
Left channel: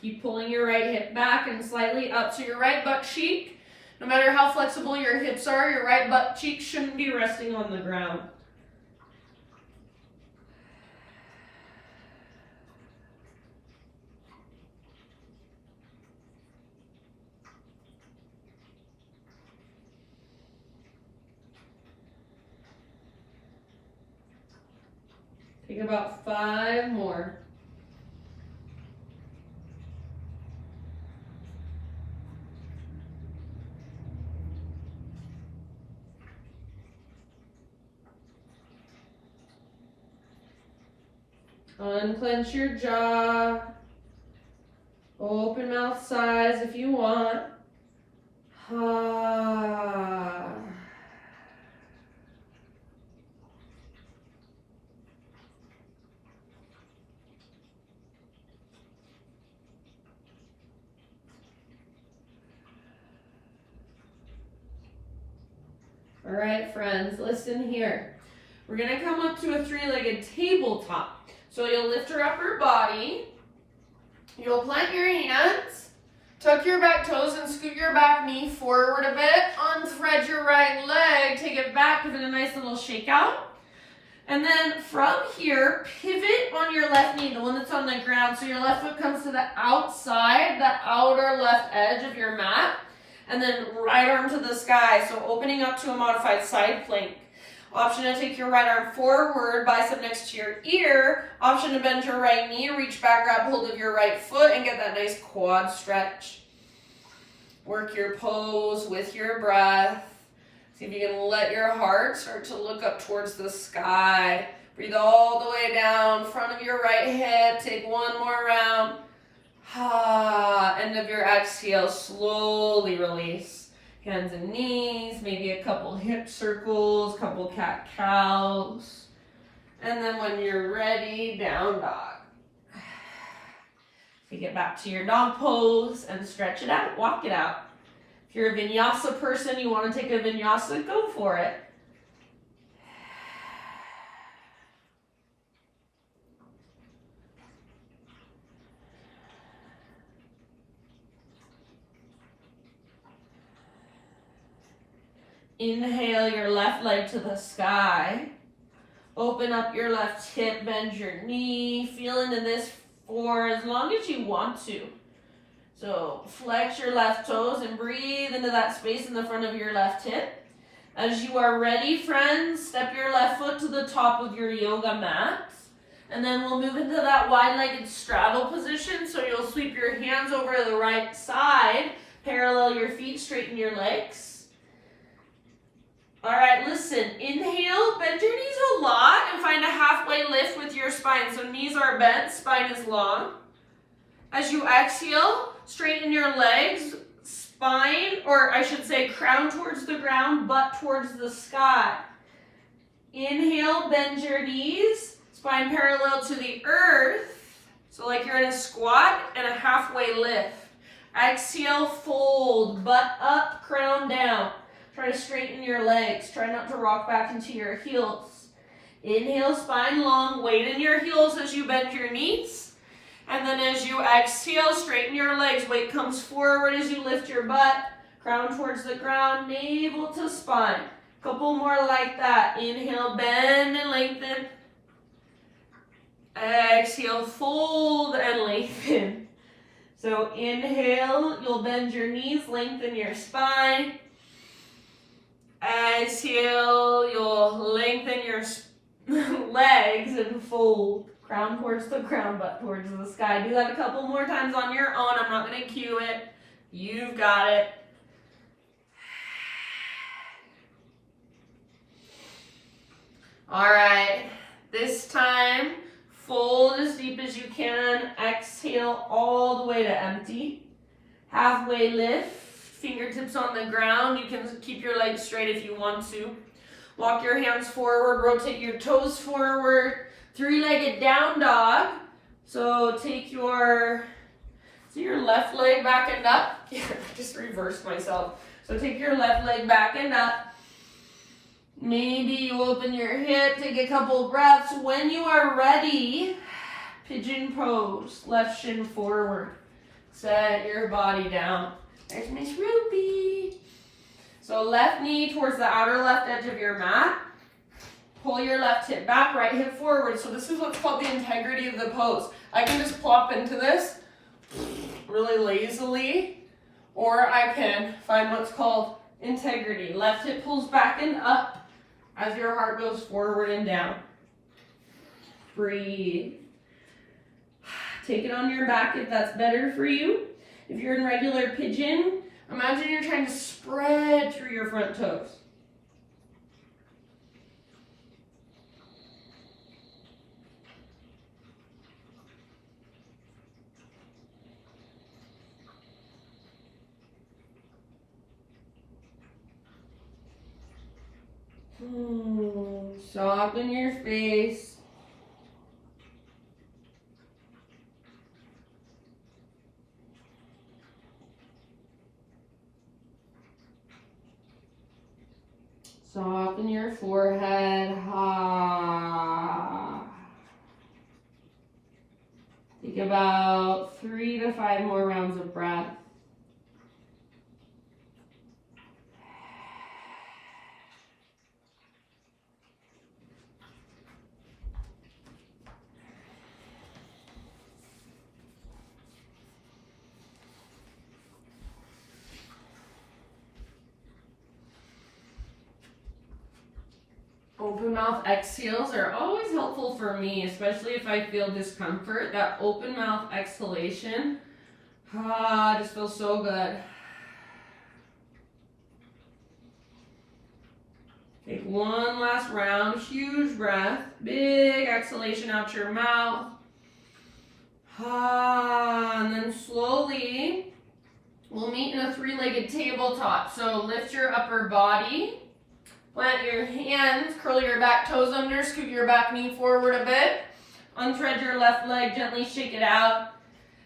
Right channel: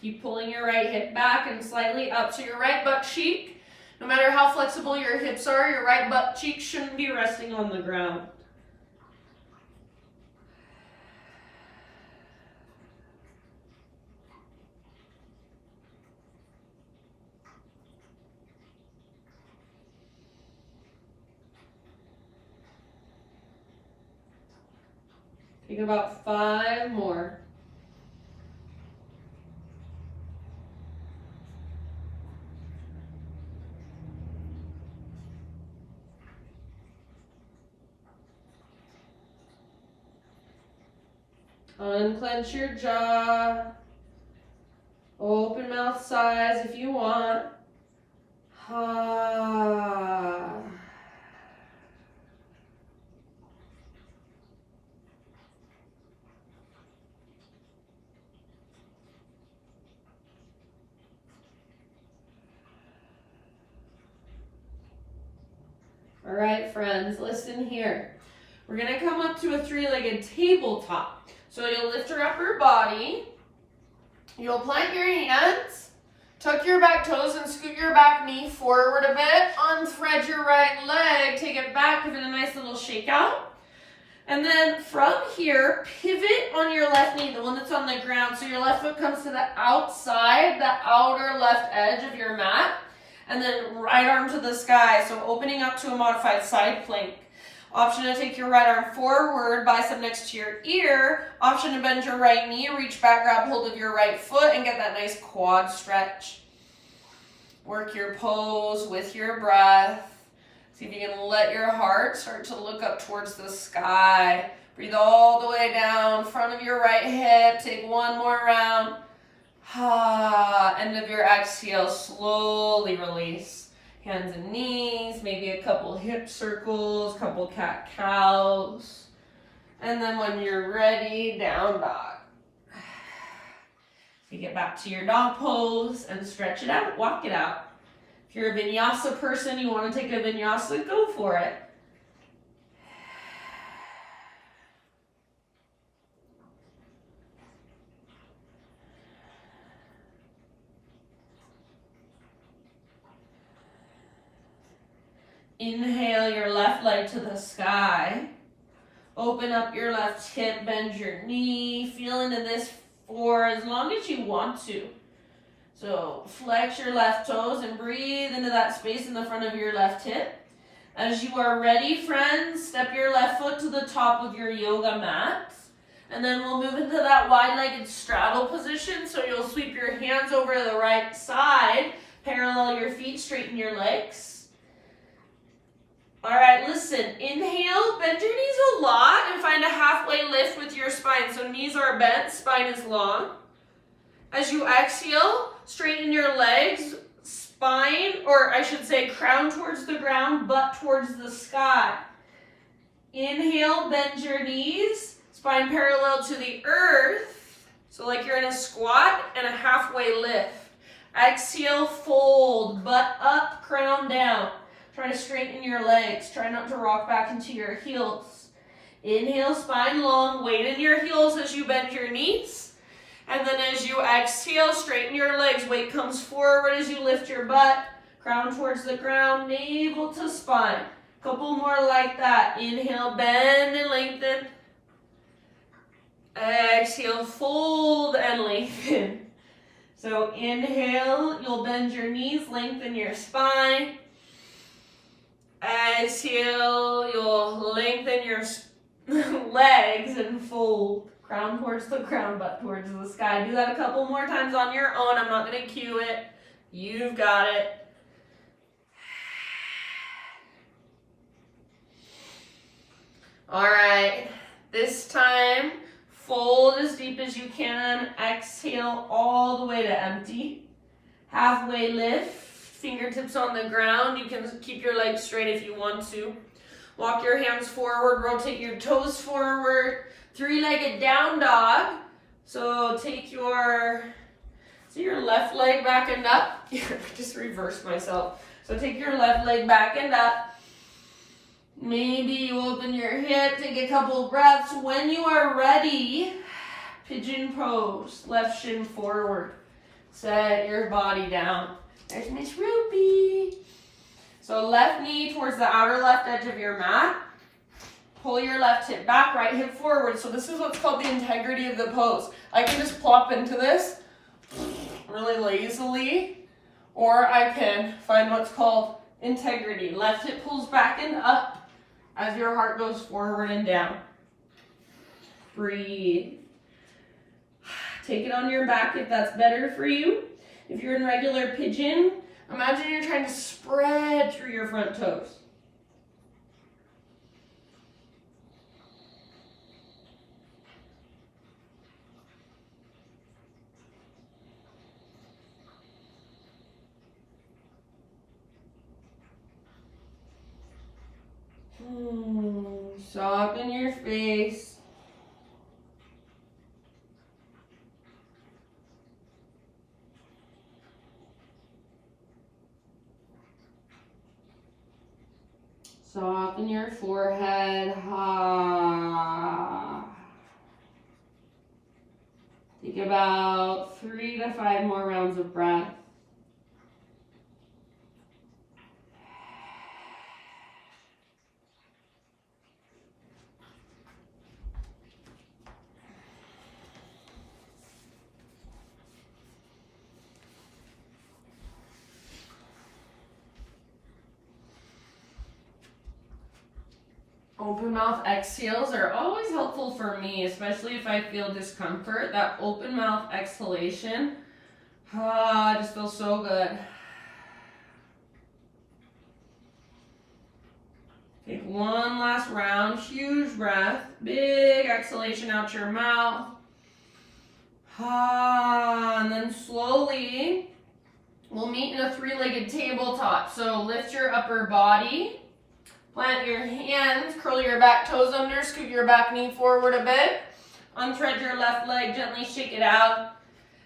Keep pulling your right hip back and slightly up. So your right butt cheek, no matter how flexible your hips are, your right butt cheek shouldn't be resting on the ground. Take about 5 more. Unclench your jaw. Open mouth size if you want. All right, friends, listen here. We're gonna come up to a 3-legged tabletop. So you'll lift your upper body, you'll plant your hands, tuck your back toes and scoot your back knee forward a bit, unthread your right leg, take it back, give it a nice little shake out. And then from here, pivot on your left knee, the one that's on the ground. So your left foot comes to the outside, the outer left edge of your mat. And then right arm to the sky. So opening up to a modified side plank. Option to take your right arm forward, bicep next to your ear. Option to bend your right knee, reach back, grab hold of your right foot, and get that nice quad stretch. Work your pose with your breath. See if you can let your heart start to look up towards the sky. Breathe all the way down, front of your right hip. Take one more round. End of your exhale, slowly release. Hands and knees, maybe a couple hip circles, couple cat-cows. And then when you're ready, down dog. You get back to your dog pose and stretch it out, walk it out. If you're a vinyasa person, you want to take a vinyasa, go for it. Inhale your left leg to the sky. Open up your left hip, bend your knee. Feel into this for as long as you want to. So flex your left toes and breathe into that space in the front of your left hip. As you are ready, friends, step your left foot to the top of your yoga mat. And then we'll move into that wide-legged straddle position. So you'll sweep your hands over to the right side, parallel your feet, straighten your legs. All right, listen, inhale, bend your knees a lot and find a halfway lift with your spine. So knees are bent, spine is long. As you exhale, straighten your legs, spine, or I should say crown towards the ground, butt towards the sky. Inhale, bend your knees, spine parallel to the earth. So like you're in a squat and a halfway lift. Exhale, fold, butt up, crown down. Try to straighten your legs. Try not to rock back into your heels. Inhale, spine long, weight in your heels as you bend your knees. And then as you exhale, straighten your legs. Weight comes forward as you lift your butt. Crown towards the ground, navel to spine. Couple more like that. Inhale, bend and lengthen. Exhale, fold and lengthen. So inhale, you'll bend your knees, lengthen your spine. Exhale, you'll lengthen your legs and fold. Crown towards the ground, butt towards the sky. Do that a couple more times on your own. I'm not going to cue it. You've got it. All right. This time, fold as deep as you can. Exhale all the way to empty. Halfway lift. Fingertips on the ground. You can keep your legs straight if you want to. Walk your hands forward. Rotate your toes forward. Three-legged down dog. So take your left leg back and up. I just reversed myself. So take your left leg back and up. Maybe you open your hip, take a couple breaths. When you are ready, pigeon pose. Left shin forward. Set your body down. There's Miss Ruby. So left knee towards the outer left edge of your mat. Pull your left hip back, right hip forward. So this is what's called the integrity of the pose. I can just plop into this really lazily, or I can find what's called integrity. Left hip pulls back and up as your heart goes forward and down. Breathe. Take it on your back if that's better for you. If you're in regular pigeon, imagine you're trying to spread through your front toes. Soften your face. Soften your forehead. Take about 3 to 5 more rounds of breath. Open mouth exhales are always helpful for me, especially if I feel discomfort. That open mouth exhalation, just feels so good. Take one last round, huge breath, big exhalation out your mouth. And then slowly, we'll meet in a three-legged tabletop. So lift your upper body, plant your hands, curl your back toes under, scoot your back knee forward a bit. Unthread your left leg, gently shake it out.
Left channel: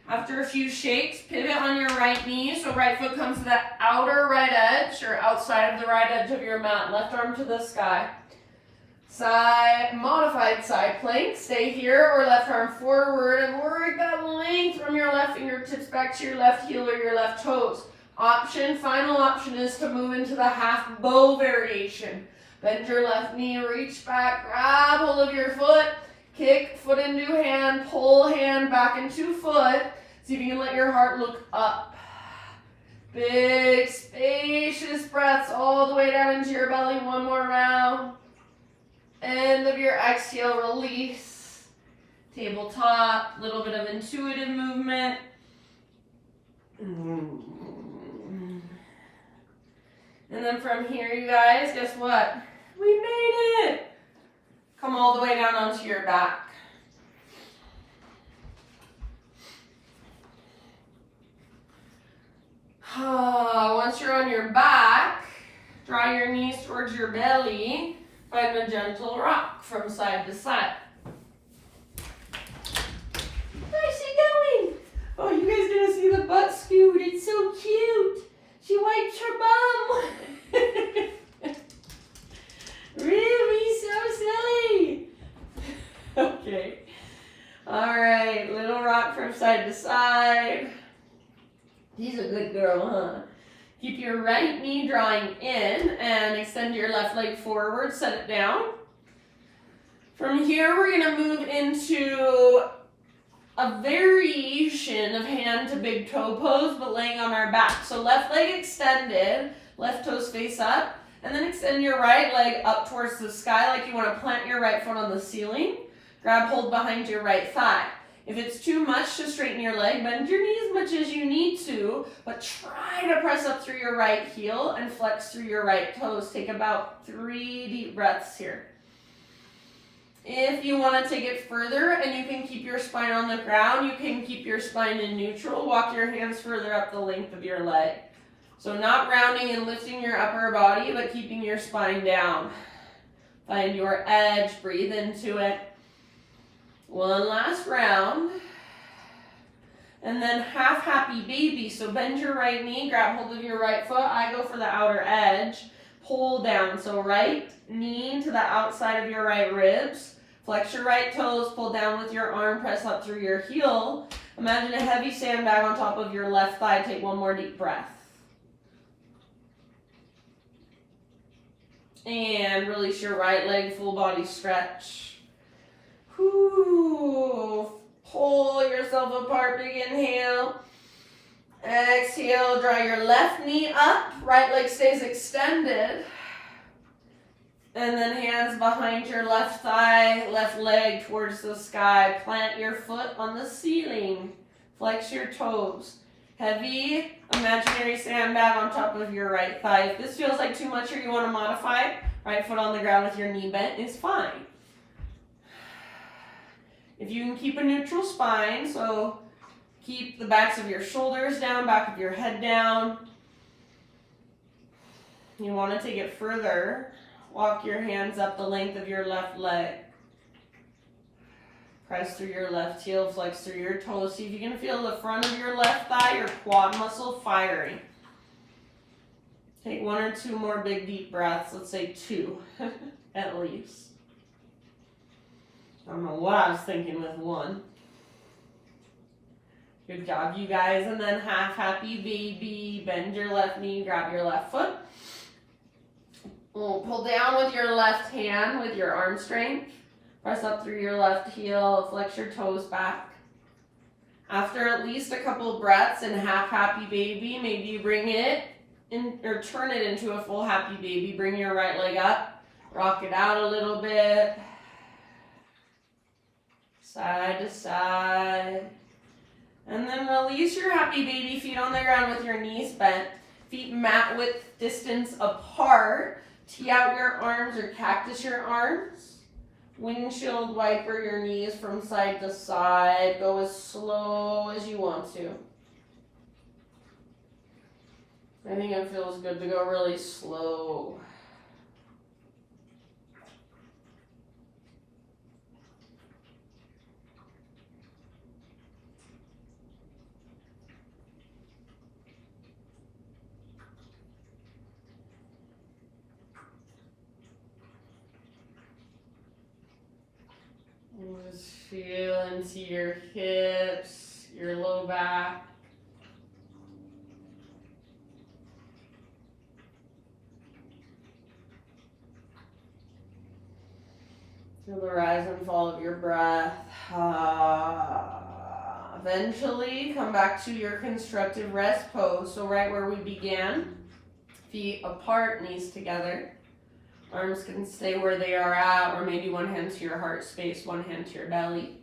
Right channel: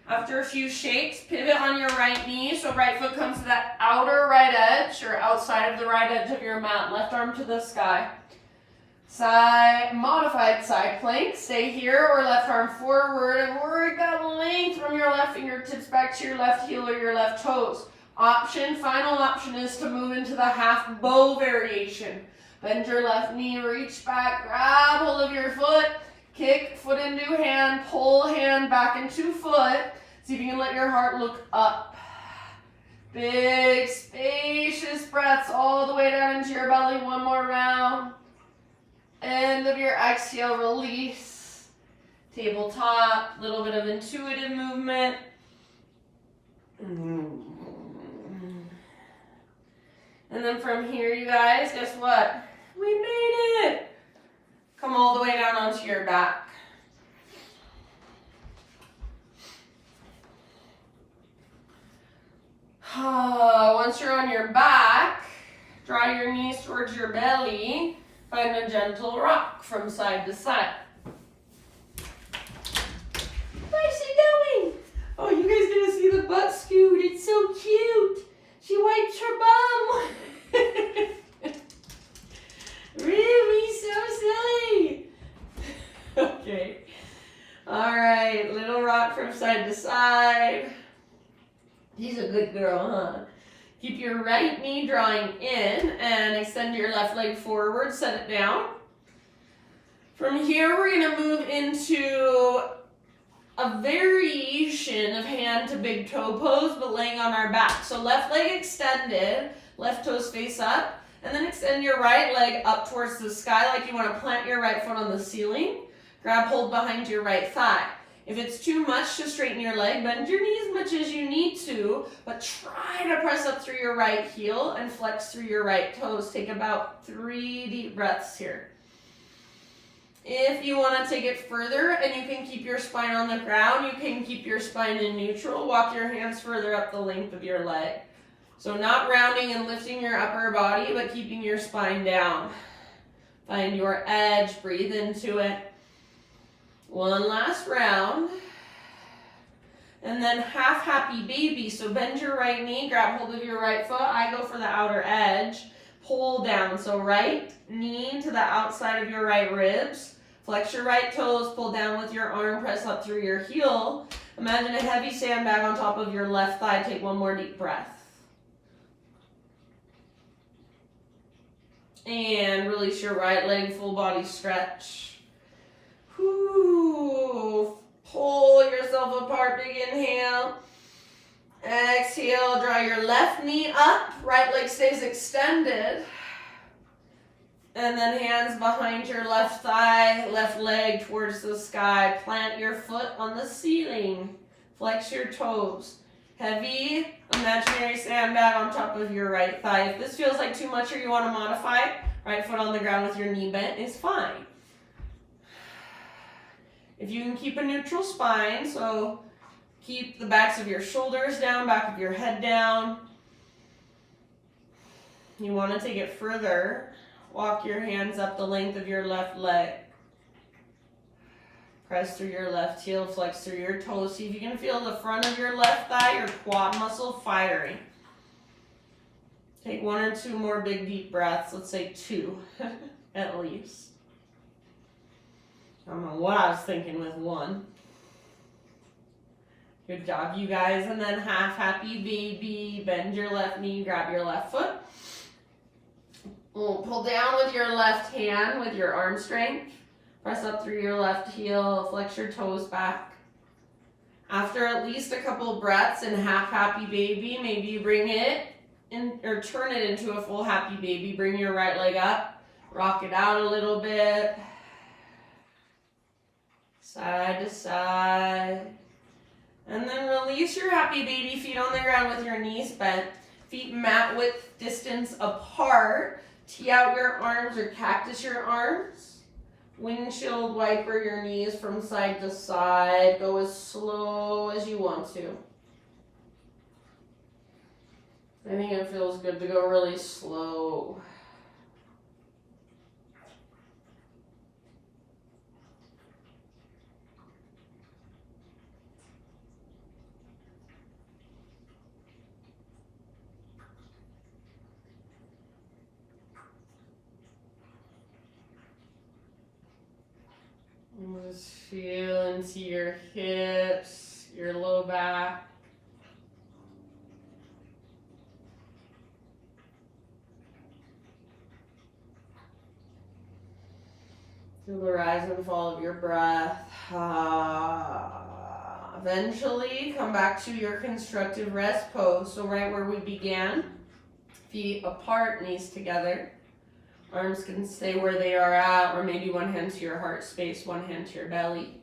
After a few shakes, pivot on your right knee, so right foot comes to that outer right edge or outside of the right edge of your mat. Left arm to the sky. Side, modified side plank. Stay here or left arm forward and work that length from your left fingertips back to your left heel or your left toes. Final option is to move into the half bow variation. Bend your left knee, reach back, grab hold of your foot, kick foot into hand, pull hand back into foot. See if you can let your heart look up. Big, spacious breaths all the way down into your belly. One more round. End of your exhale, release. Tabletop, little bit of intuitive movement. And then from here, you guys, guess what? We made it. Come all the way down onto your back. Once you're on your back, draw your knees towards your belly. Find a gentle rock from side to side. Where's she going? Oh, you guys gonna see the butt scoot. It's so cute. She wiped her bum. Really so silly. Okay. All right, little rock from side to side. She's a good girl, huh? Keep your right knee drawing in and extend your left leg forward, set it down. From here, we're gonna move into a variation of hand to big toe pose, but laying on our back. So left leg extended, left toes face up, and then extend your right leg up towards the sky like you wanna plant your right foot on the ceiling. Grab hold behind your right thigh. If it's too much to straighten your leg, bend your knee as much as you need to, but try to press up through your right heel and flex through your right toes. Take about 3 deep breaths here. If you want to take it further and you can keep your spine on the ground, you can keep your spine in neutral. Walk your hands further up the length of your leg. So not rounding and lifting your upper body, but keeping your spine down. Find your edge, breathe into it. One last round. And then half happy baby. So bend your right knee, grab hold of your right foot. I go for the outer edge. Pull down. So right knee to the outside of your right ribs. Flex your right toes, pull down with your arm, press up through your heel. Imagine a heavy sandbag on top of your left thigh. Take one more deep breath. And release your right leg, full body stretch. Whew. Pull yourself apart, big inhale. Exhale, draw your left knee up, right leg stays extended. And then hands behind your left thigh, left leg towards the sky. Plant your foot on the ceiling. Flex your toes. Heavy imaginary sandbag on top of your right thigh. If this feels like too much or you want to modify, right foot on the ground with your knee bent is fine. If you can keep a neutral spine, so keep the backs of your shoulders down, back of your head down. You want to take it further. Walk your hands up the length of your left leg. Press through your left heel, flex through your toes. See if you can feel the front of your left thigh, your quad muscle firing. Take 1 or 2 more big deep breaths. Let's say 2 at least. I don't know what I was thinking with 1. Good job, you guys. And then half happy baby. Bend your left knee, grab your left foot. We'll pull down with your left hand with your arm strength. Press up through your left heel, flex your toes back. After at least a couple breaths in half happy baby, maybe you bring it in or turn it into a full happy baby. Bring your right leg up. Rock it out a little bit. Side to side. And then release your happy baby feet on the ground with your knees bent. Feet mat width distance apart. Tee out your arms or cactus your arms. Windshield wiper your knees from side to side. Go as slow as you want to. I think it feels good to go really slow. Just feel into your hips, your low back. Feel the rise and fall of your breath. Eventually, come back to your constructive rest pose. So right where we began, feet apart, knees together. Arms can stay where they are at, or maybe one hand to your heart space, one hand to your belly.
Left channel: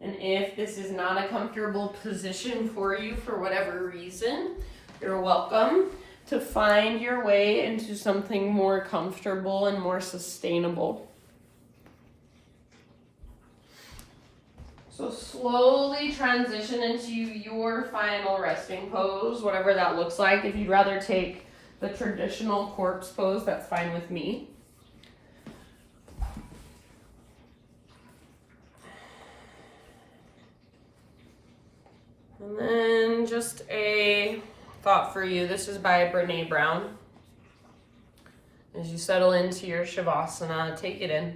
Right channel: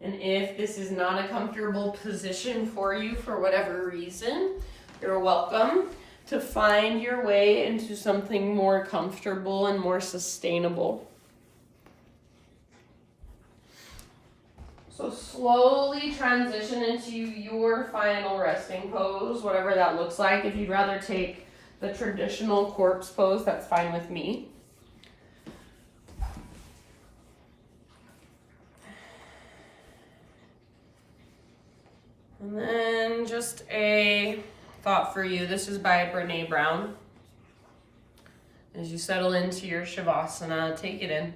And if this is not a comfortable position for you for whatever reason, you're welcome to find your way into something more comfortable and more sustainable. So slowly transition into your final resting pose, whatever that looks like. If you'd rather take the traditional corpse pose, that's fine with me. And then just a thought for you. This is by Brené Brown. As you settle into your Shavasana, take it in.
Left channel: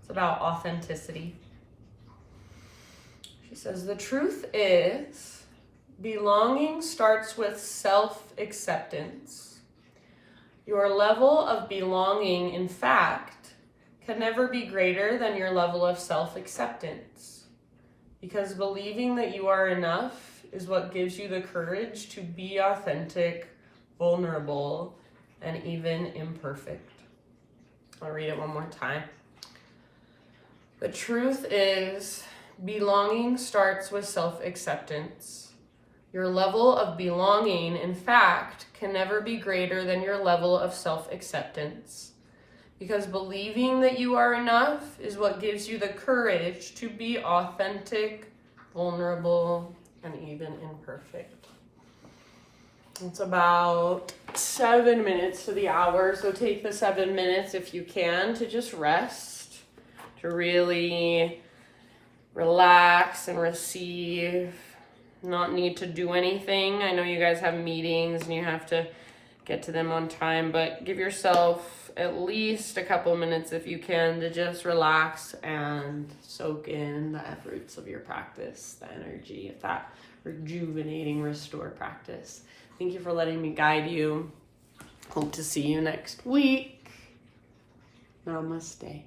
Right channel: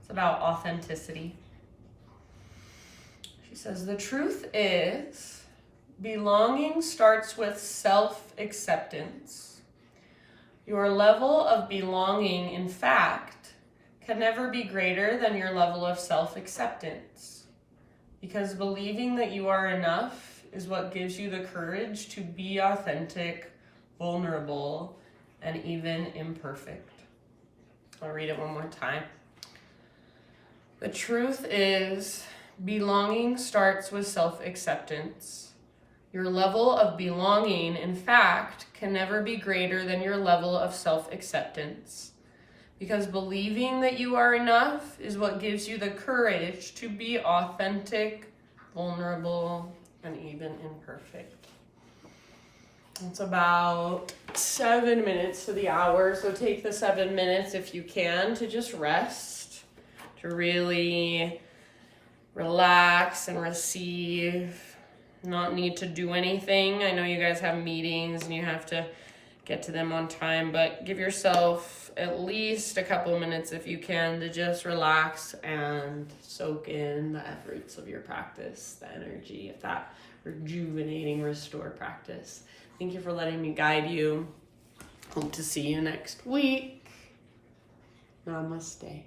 It's about authenticity. She says, the truth is, belonging starts with self-acceptance. Your level of belonging, in fact, can never be greater than your level of self-acceptance. Because believing that you are enough is what gives you the courage to be authentic, vulnerable, and even imperfect. I'll read it one more time. The truth is, belonging starts with self-acceptance. Your level of belonging, in fact, can never be greater than your level of self-acceptance. Because believing that you are enough is what gives you the courage to be authentic, vulnerable, and even imperfect. It's about 7 minutes to the hour, so take the 7 minutes if you can to just rest, to really relax and receive, not need to do anything. I know you guys have meetings and you have to get to them on time, but give yourself at least a couple minutes if you can to just relax and soak in the efforts of your practice, the energy of that rejuvenating restore practice. Thank you for letting me guide you. Hope to see you next week. Namaste.